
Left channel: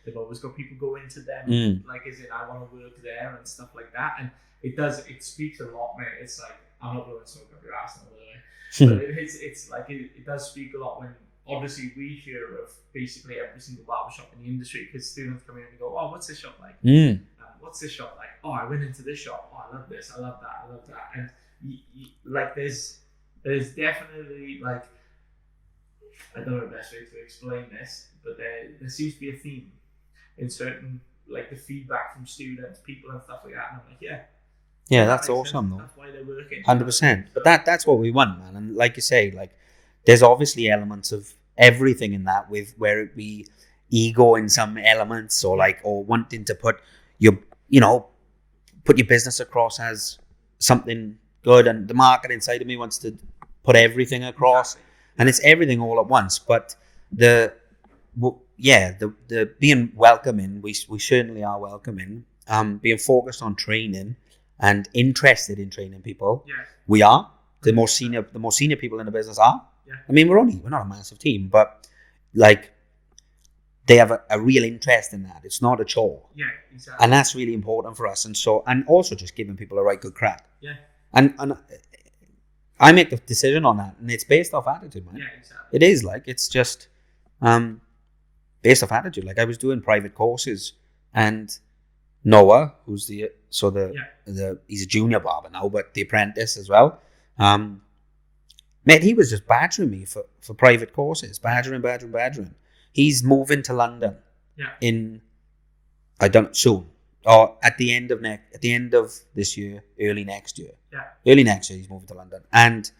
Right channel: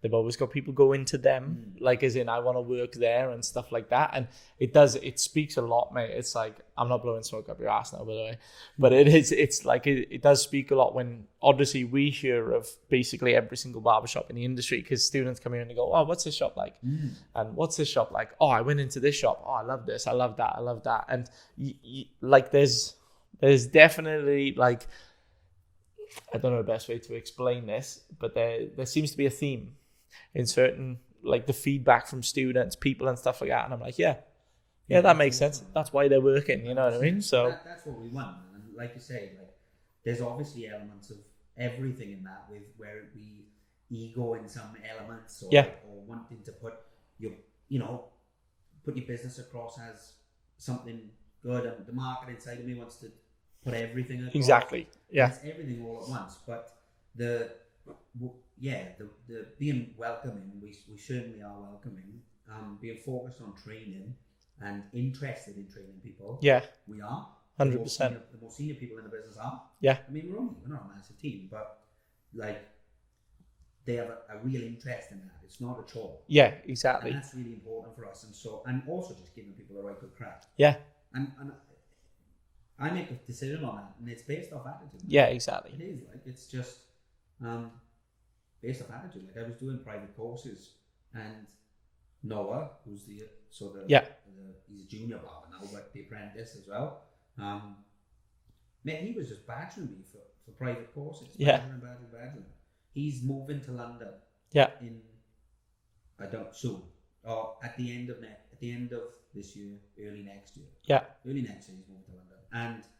They've always got people go into them, like as in I want to work there and stuff like that. And it speaks a lot, mate. It's like, I'm not blowing smoke up your ass now, by the way. But it's like, it does speak a lot when obviously we hear of basically every single barbershop in the industry, because students come in and they go, oh, what's this shop like? And what's this shop like? Oh, I went into this shop. Oh, I love this. I love that. I love that. And like, there's definitely like, I don't know the best way to explain this, but there seems to be a theme in certain, like the feedback from students, people and stuff like that. And I'm like, yeah, that that's makes awesome, sense. though. That's why they're working. 100%. So That's what we want, man. And like you say, like there's obviously elements of everything in that, with where it be ego in some elements, or or wanting to put your business across as something good, and the marketing side of me wants to put everything across. Exactly. And it's everything all at once. But the being welcoming, we certainly are welcoming. Being focused on training and interested in training people. Yeah, we are. 100%. The more senior people in the business are. Yeah. I mean, we're not a massive team, but like they have a real interest in that. It's not a chore. Yeah, exactly. And that's really important for us. And also just giving people a right good crack. Yeah. And I make the decision on that, and it's based off attitude. Man. Yeah, exactly. It is like, it's just based off attitude. Like I was doing private courses, and Noah, who's he's a junior barber now, but the apprentice as well. Mate, he was just badgering me for private courses, badgering. He's moving to London in I don't soon. Or at the end of this year, early next year. Yeah. Early next year, he's moving to London. And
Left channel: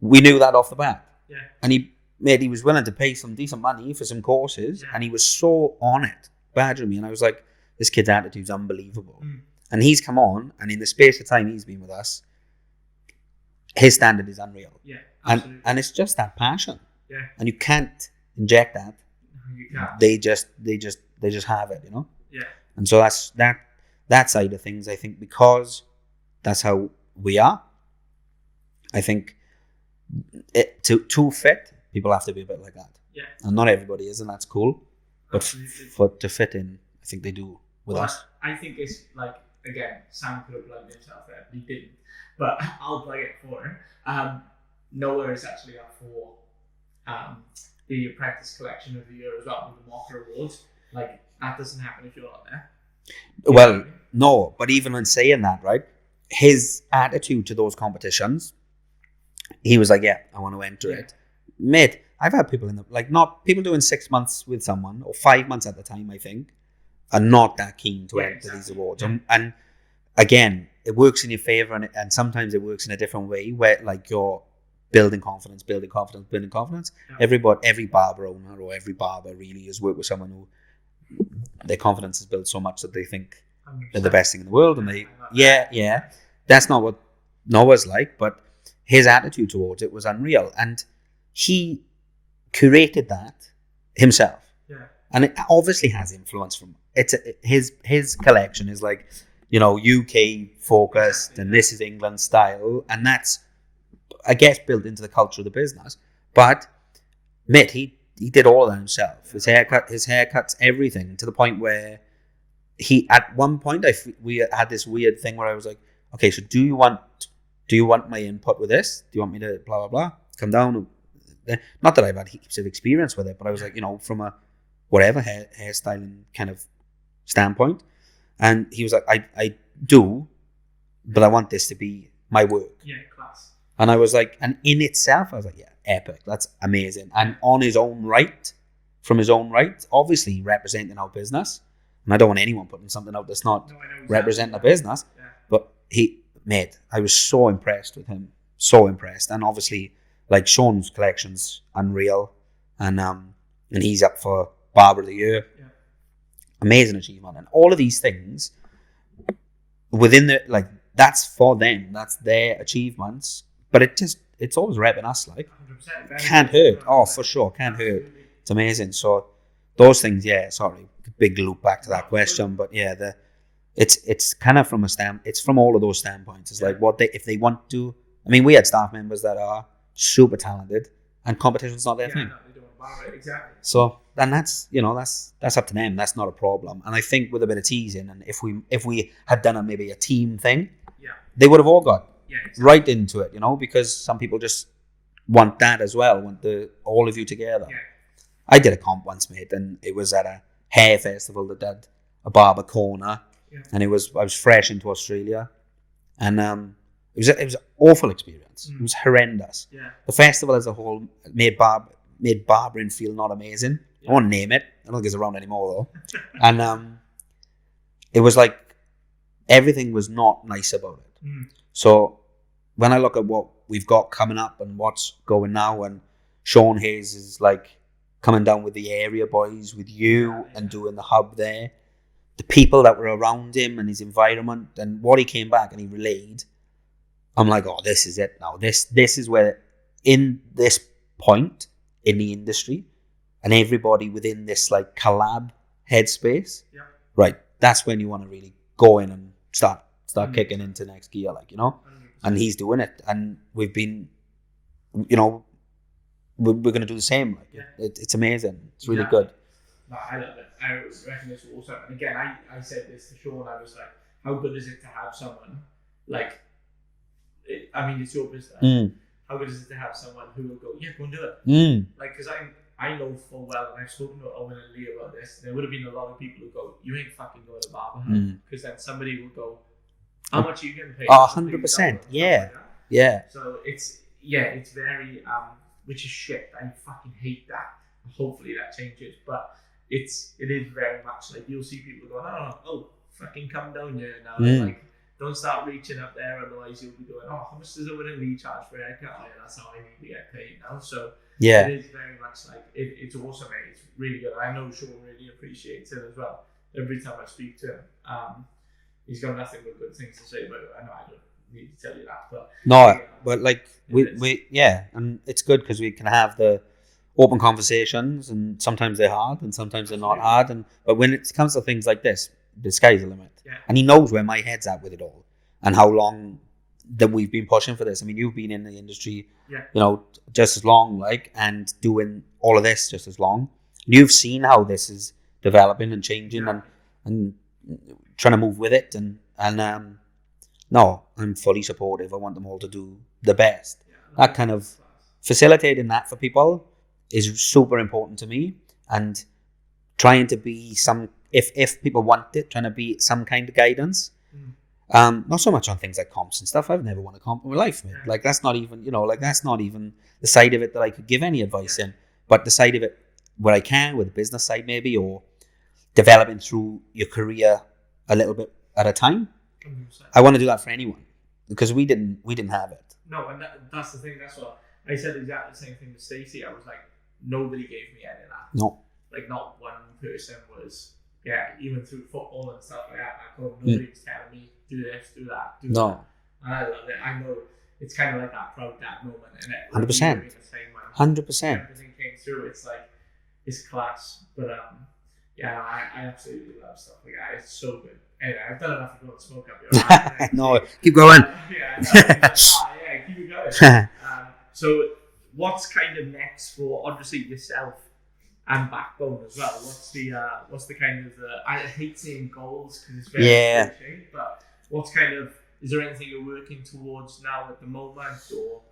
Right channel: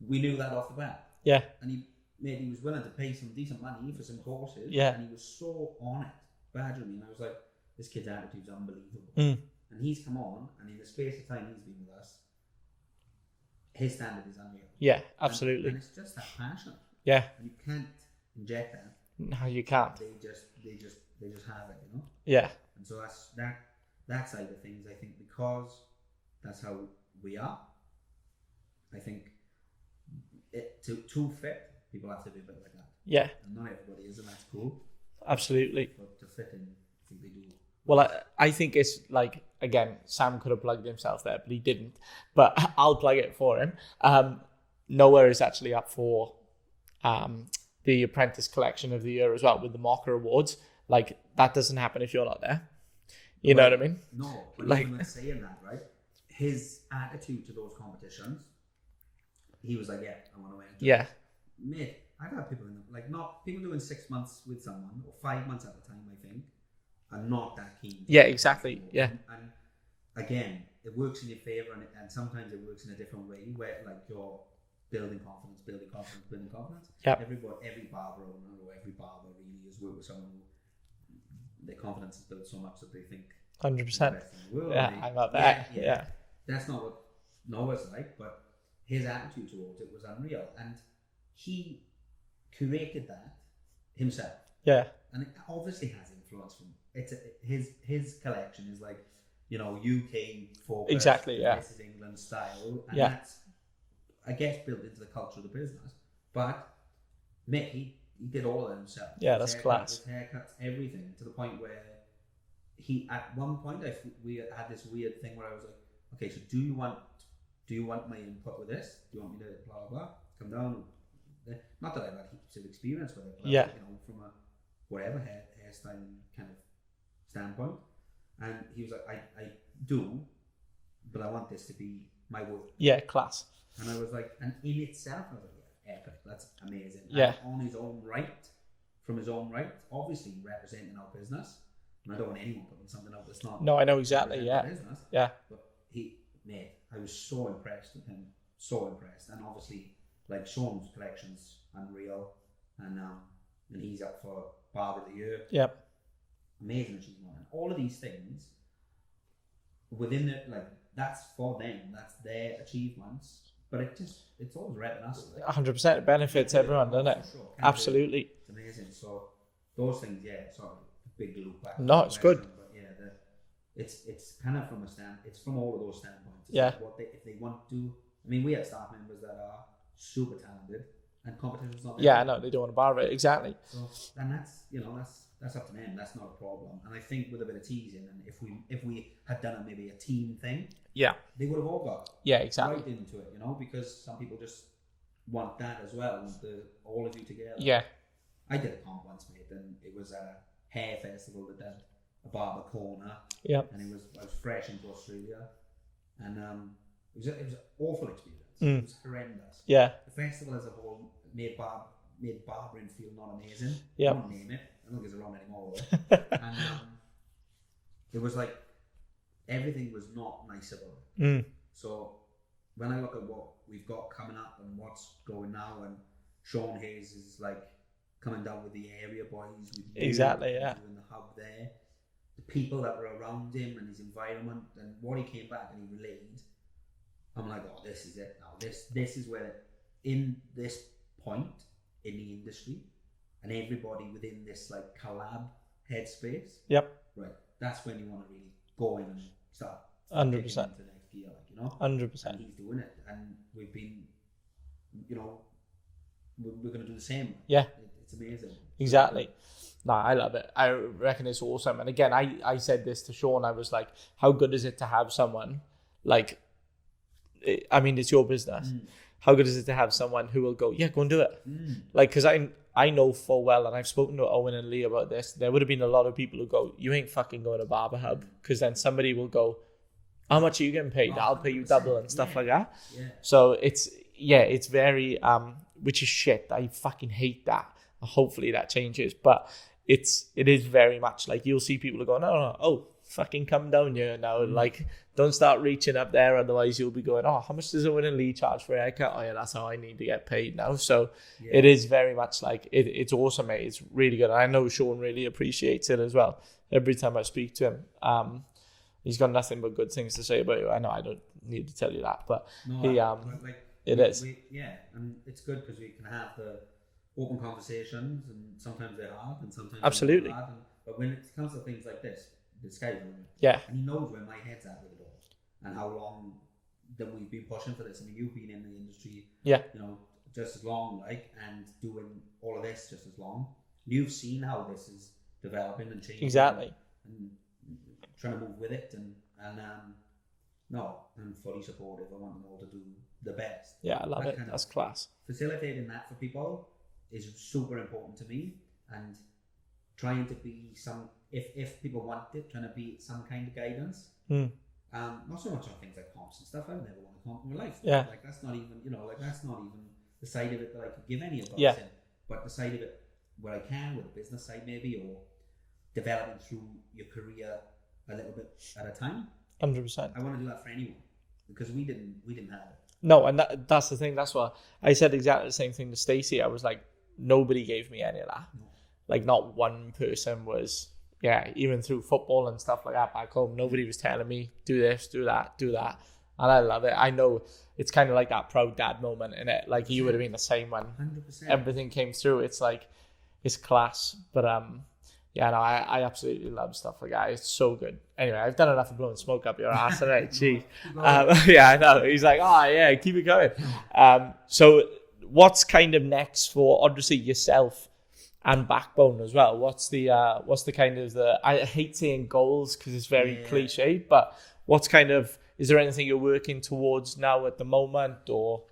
we knew that off the bat. Yeah. And he was willing to pay some decent money for some courses. Yeah. And he was so on it, badgering me. And I was like, this kid's attitude's unbelievable. And he's come on, and in the space of time he's been with us, his standard is unreal. Yeah, absolutely. And it's just that passion. Yeah. And you can't inject that. No, you can't. They just have it, you know? Yeah. And so that's that side of things, I think, because that's how we are. I think to fit, people have to be a bit like that. Yeah. And not everybody is, and that's cool. Absolutely. But to fit in, I think they do. Well, I think it's like, again, Sam could have plugged himself there, but he didn't. But I'll plug it for him. Nowhere is actually up for the Apprentice Collection of the Year as well, with the Mocker Awards. Like, that doesn't happen if you're not there. You know what I mean? No, but even when saying that, right, his attitude to those competitions, he was like, yeah, I want to enter it. Mate, I've had people not people doing 6 months with someone, or 5 months at the time, I think, are not that keen to enter these awards. Yeah. And again, it works in your favor, and sometimes it works in a different way, where like you're building confidence. Yep. Every barber owner or every barber really has worked with someone who their confidence is built so much that they think 100%. they're the best thing in the world. Yeah, And I love that. Yeah. That's not what Noah's like, but his attitude towards it was unreal. And he curated that himself. Yeah. And it obviously has influence from his collection is like, you know, UK focused, and this is England style, and that's, I guess, built into the culture of the business. But mate, he did all of that himself. Yeah, his haircuts, everything, to the point where he, at one point, we had this weird thing where I was like, okay, so do you want my input with this? Do you want me to blah blah blah come down? Not that I've had heaps of experience with it, but I was like, you know, from a whatever hairstyling kind of standpoint. And he was like, I do, but I want this to be my work. Yeah, class. And I was like, and in itself, I was like, yeah, epic. That's amazing. Yeah. And on his own right, obviously representing our business. And I don't want anyone putting something out that's not representing the business. Yeah. But I was so impressed with him. So impressed. And obviously, like, Sean's collection's unreal. And he's up for Barber of the Year. Yep. Amazing achievement. And all of these things within the, like, that's for them. That's their achievements. But it's always repping us, like. 100%. Can't hurt. Oh, for sure. Can't hurt. Absolutely. It's amazing. So those things, sorry. Big loop back to that question. Good. But yeah, it's kind of from it's from all of those standpoints. It's like if they want to, I mean, we had staff members that are super talented, and competition's not their thing. I know, they don't want to barber it, exactly. So, and that's, you know, that's up to them. That's not a problem. And I think with a bit of teasing, and if we had done maybe a team thing, they would have all got right into it, you know, because some people just want that as well, want all of you together. Yeah. I did a comp once, mate, and it was at a hair festival that did a barber corner. Yeah. And I was fresh into Australia, and it was an awful experience. It was horrendous. Yeah. The festival as a whole made barbering feel not amazing. Yeah. I won't name it. I don't think it's around anymore though. And it was like everything was not nice about it. So when I look at what we've got coming up and what's going now, and Sean Hayes is like coming down with the area boys, with you, and doing the hub there, the people that were around him and his environment, and what he came back and he relayed, I'm like, oh, this is it now. This is where, in this point in the industry, and everybody within this like collab headspace. Yep. Right. That's when you want to really go in and start 100%. Kicking into next gear, like, you know. 100%. And he's doing it, and we've been, you know, we're going to do the same. Like. Yeah. It's amazing. It's really good. No, I love it. I reckon it's awesome. And again, I said this to Sean. I was like, how good is it to have someone like, I mean, it's your business. How good is it to have someone who will go, yeah, go and do it? Like, because I know full well, and I've spoken to Owen and Lee about this, there would have been a lot of people who go, you ain't fucking going to Barber Hub, because then somebody will go, how much are you getting paid? 100%. And stuff like that. Yeah. So it's very, which is shit. I fucking hate that. Hopefully that changes. But it is very much like you'll see people going, no, oh, fucking come down here now. Like, don't start reaching up there, otherwise you'll be going, oh, how much does a winning lead charge for a haircut? Oh yeah, that's how I need to get paid now. So it is very much like it's awesome, mate. It's really good. I know Sean really appreciates it as well. Every time I speak to him, he's got nothing but good things to say about it. I know I don't need to tell you that, but but like we and it's good because we can have the open conversations, and sometimes they're hard and sometimes they're not hard, but when it comes to things like this, the sky's the limit. And he knows where my head's at with it all and how long that we've been pushing for this. I mean, you've been in the industry just as long, like, and doing all of this just as long. You've seen how this is developing and changing and trying to move with it, and no, I'm fully supportive. I want them all to do the best. That kind of class. Facilitating that for people is super important to me, and trying to be some, if people want it, trying to be some kind of guidance. Not so much on things like comps and stuff. I've never won a comp in my life. Like, that's not even, that's not even the side of it that I could give any advice in. But the side of it where I can, with the business side maybe, or developing through your career a little bit at a time. 100%. I want to do that for anyone, because we didn't have it. No, and that's the thing. That's what I said, exactly the same thing to Stacey. I was like, nobody gave me any of that. No. Like, not one person was, even through football and stuff like that back home, nobody was telling me, do this, do that, do that. And I love it. I know it's kind of like that proud dad moment, in it. Like, 100%. You being the same one. 100%. Everything came through. It's like, it's class. But I absolutely love stuff like that. It's so good. Anyway, I've done enough of blowing smoke up your ass today. No, keep going. I know. He's like, keep it going. So what's kind of next for, obviously, yourself and Backbone as well? What's the kind of I hate saying goals because it's very cliche, but what's kind of, is there anything you're working towards now at the moment, or?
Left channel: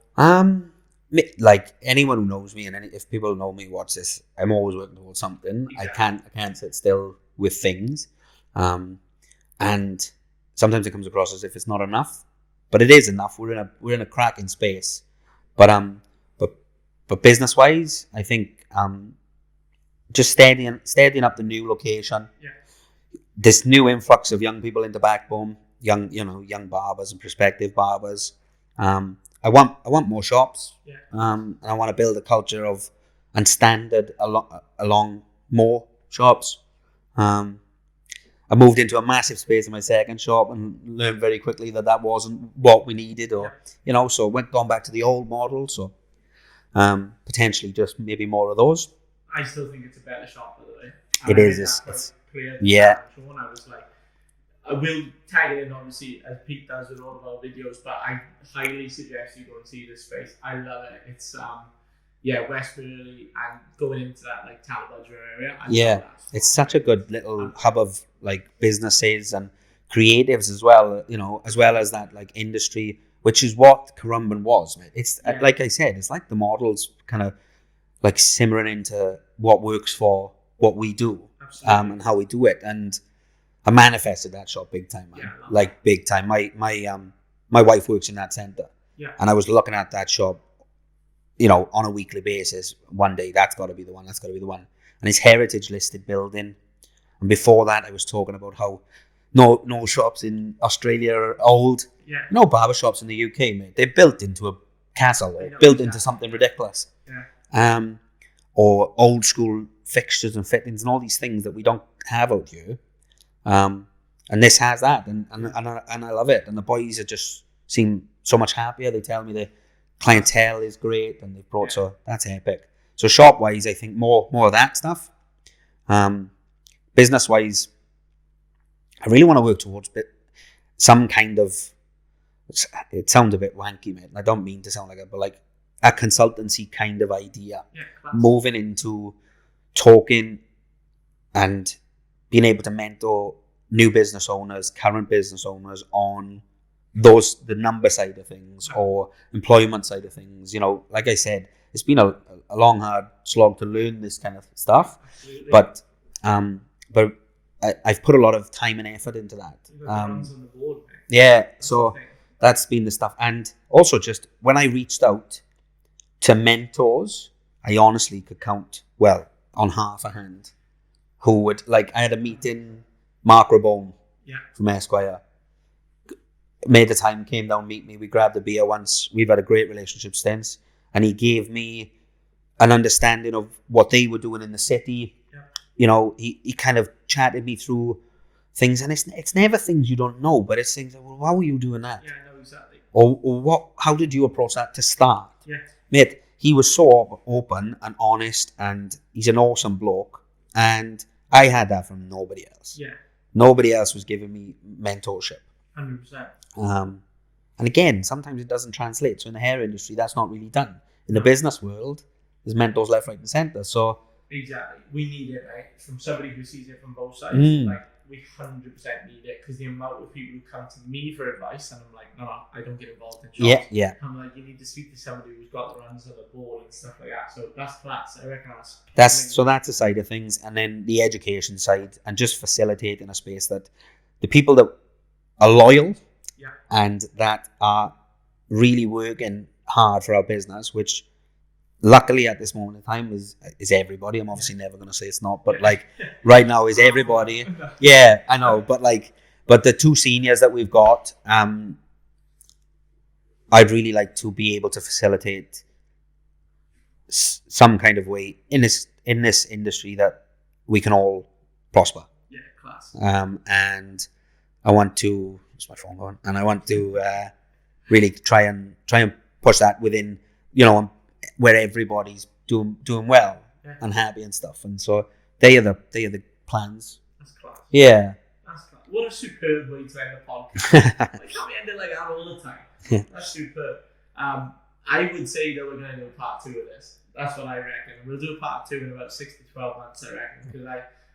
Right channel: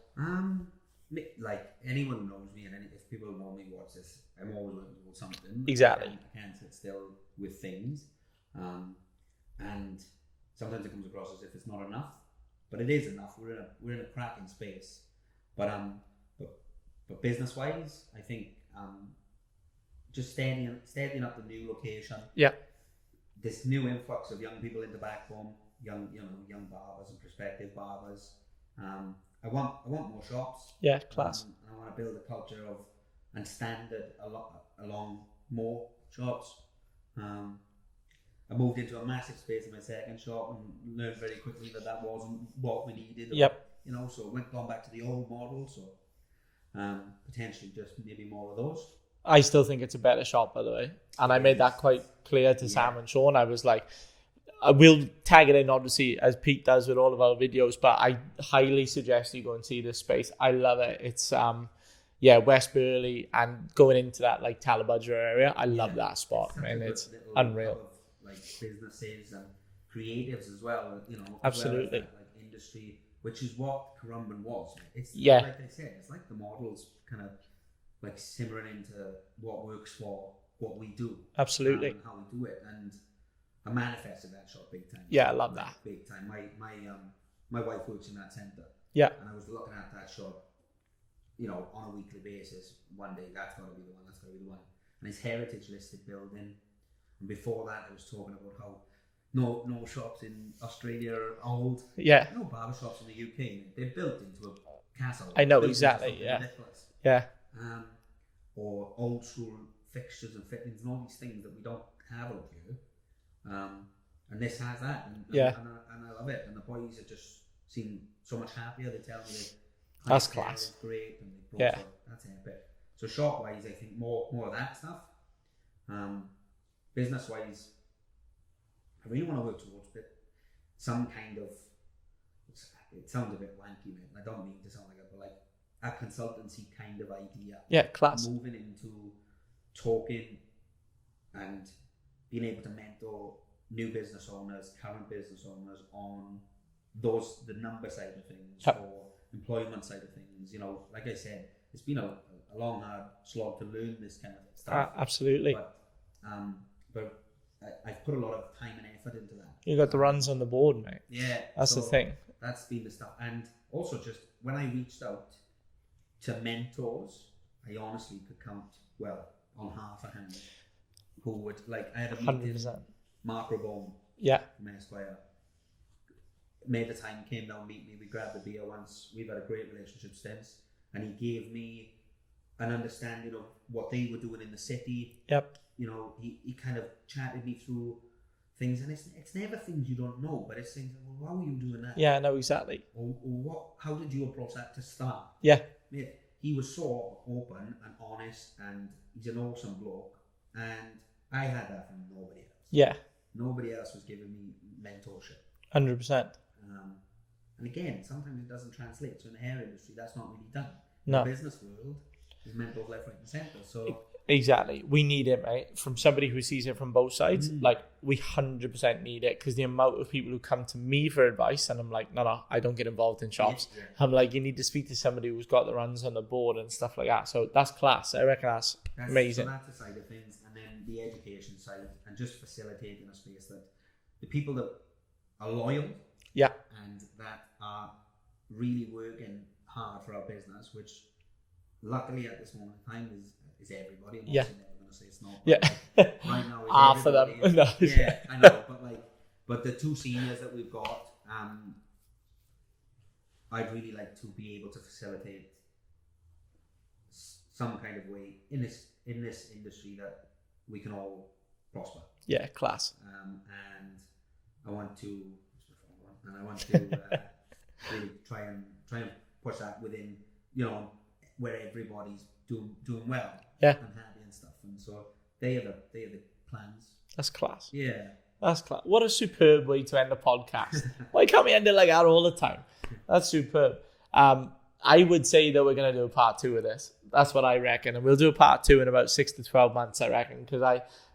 Like, anyone who knows me, and if people know me, watch this, I'm always working towards something. Exactly. I can't sit still with things. And sometimes it comes across as if it's not enough, but it is enough. We're in a cracking space. But business wise, I think just steadying up the new location. This new influx of young people into Backbone, young barbers and prospective barbers. I want more shops. And I want to build a culture of and standard along more shops. I moved into a massive space in my second shop and learned very quickly that wasn't what we needed, or so gone back to the old model. So potentially just maybe more of those. I still think it's a better shop, by the way, and I made that quite clear to Sam and Sean. I was like, I will tag it in, obviously, as Pete does with all of our videos, but I highly suggest you go and see this space. I love it. It's West Burley and going into that like Talabudger area. I love that spot. It's such a good little hub of like businesses and creatives as well, as well as that like industry, which is what Currumbin was. It's like I said, it's like the models kind of like simmering into what works for what we do. Absolutely. And how we do it. And I manifested that shop big time. I love like that. Big time. My wife works in that centre. And I was looking at that shop, on a weekly basis. One day, that's got to be the one. That's got to be the one. And it's heritage listed building. And before that, I was talking about how no shops in Australia are old. No barber shops in the UK, mate. They're built into a castle. I know. Built into something ridiculous. Or old school fixtures and fittings and all these things that we don't have out here. And this has that, and I love it. And the boys are just seem so much happier. They tell me the clientele is great, and they've brought so that's epic. So shop wise, I think more of that stuff. Business wise, I really want to work towards some kind of. It sounds a bit wanky, mate. I don't mean to sound like it, but like a consultancy kind of idea. Class. Moving into talking and being able to mentor new business owners, current business owners on the number side of things or employment side of things. Like I said, it's been a long, hard slog to learn this kind of stuff. Absolutely. But I've put a lot of time and effort into that. You got the runs on the board, mate. Yeah. That's the thing. That's been the stuff. And also just when I reached out to mentors, I honestly could count, on half a hand who would, like, I had a meeting, 100%. Mark Rabone Yeah. from Esquire, made the time, came down, meet me, we grabbed a beer once, we've had a great relationship since, and he gave me an understanding of what they were doing in the city. Yep. You know, he kind of chatted me through things, and it's never things you don't know, but it's things like, well, how are you doing that? Yeah, I know exactly. Or what? How did you approach that to start? Yeah. Mate, he was so open and honest, and he's an awesome bloke, and I had that from nobody else. Yeah. Nobody else was giving me mentorship. 100%. And again, sometimes it doesn't translate. So in the hair industry, that's not really done. In No. the business world, there's mentors left, right, and center. So exactly, we need it, right? From somebody who sees it from both sides, like we 100% need it, because the amount of people who come to me for advice, and I'm like, no, I don't get involved in shops. Yeah. I'm like, you need to speak to somebody who's got the runs on the board and stuff like that. So that's class. I reckon that's amazing. So that's the side of things, and then the education side, and just facilitating a space that the people that are loyal, yeah, and that are really working hard for our business, which luckily at this moment in time is everybody. I'm obviously never going to say it's not, but like right now is everybody. No. Yeah, I know, but the two seniors that we've got, I'd really like to be able to facilitate some kind of way in this industry that we can all prosper. Yeah, class. And I want to. Where's my phone going? And I want to really try and push that within, you know, where everybody's doing well, and happy and stuff. And so they are the plans. That's class. Yeah. That's class. What a superb way to end a podcast. Why can't we end it like that all the time? Yeah. That's superb. I would say that we're going to do a part 2 of this. That's what I reckon. And we'll do a part 2 in about 6 to 12 months, I reckon, because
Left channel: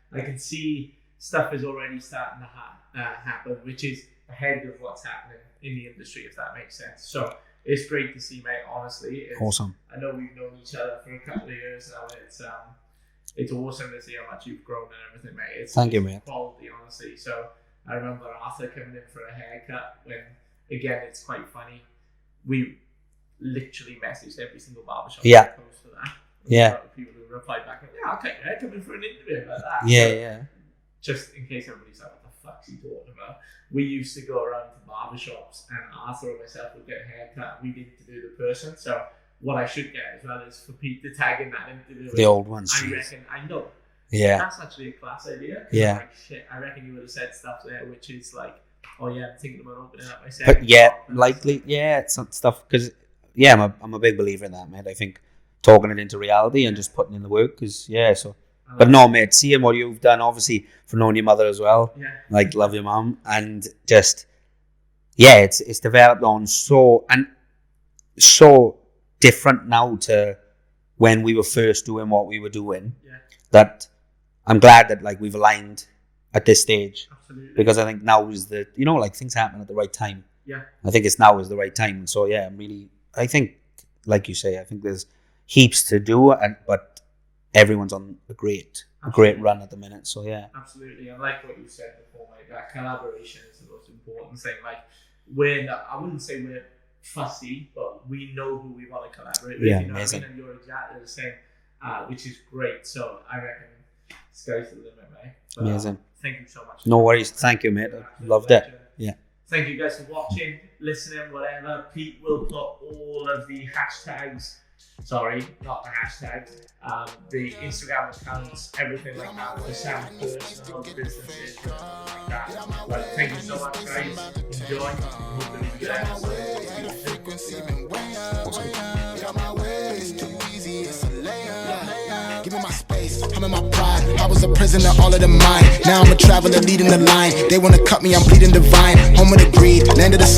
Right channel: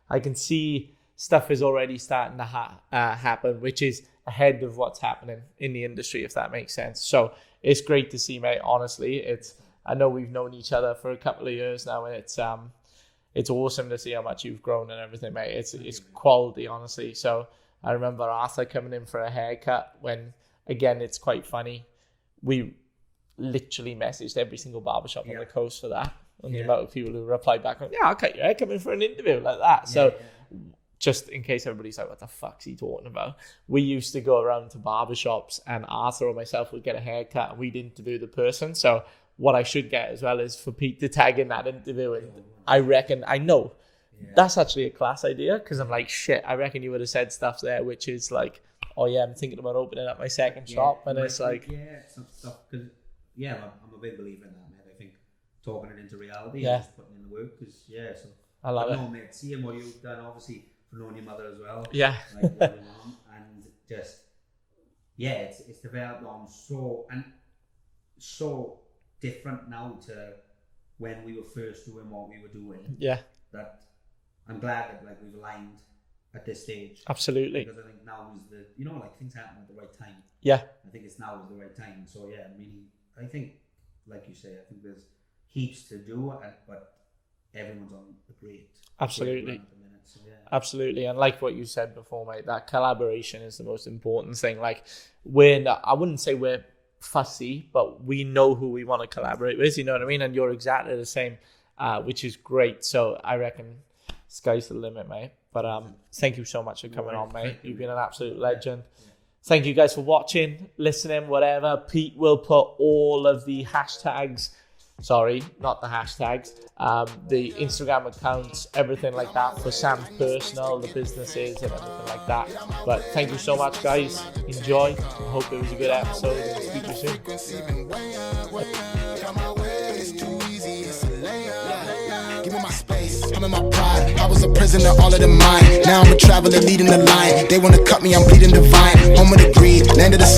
I can see stuff is already starting to happen, which is ahead of what's happening in the industry, if that makes sense. So it's great to see, mate. Honestly, it's awesome. I know we've known each other for a couple of years now, and it's awesome to see how much you've grown and everything, mate. Thank you, mate. Quality, honestly. So I remember Arthur coming in for a haircut when, again, it's quite funny. We literally messaged every single barbershop on the coast for that. And people who replied back, yeah, I'll cut your hair, come in for an interview like that. Yeah. Just in case everybody's like, what the fuck's he talking about? We used to go around to barbershops, and Arthur or myself would get a haircut, and we'd interview the person. So what I should get as well is for Pete to tag in that interview. The old ones. I reckon, I know. Yeah. That's actually a class idea, because I'm like, shit, I reckon you would have said stuff there, which is like, oh yeah, I'm thinking about opening up my second shop. And it's some stuff, because I'm a big believer in that, mate. I think talking it into reality and just putting in the work, because no, mate, seeing what you've done, obviously, for knowing your mother as well. Yeah. Like, love your mum. And just, it's developed on so different now to when we were first doing what we were doing. Yeah. That I'm glad that, like, we've aligned at this stage. Absolutely. Because I think now is the, you know, like, things happen at the right time. Yeah. I think it's now is the right time. And so, I think, like you say, I think there's heaps to do, but everyone's on a great run at the minute. So absolutely. And like what you said before, mate, that collaboration is the most important thing. Like, I wouldn't say we're fussy, but we know who we want to collaborate with. You know what I mean? And you're exactly the same, which is great. So I reckon sky's the limit, mate. But thank you so much. No worries. Thank you, mate. You're an absolute Loved legend. it. Yeah. Thank you guys for watching, listening, whatever. Pete will put all of the hashtags. Sorry, not the hashtags. The Instagram accounts, everything like that for Sam's personal, the businesses, and everything like that. But thank you so much, guys. Enjoy. Hope it was a good episode. See you soon. Give me my space, I'm in my pride. I was a prisoner, all of the mine. Now I'm a traveler leading the line. They wanna cut me, I'm bleeding divine. Home of the greed, land of the slave.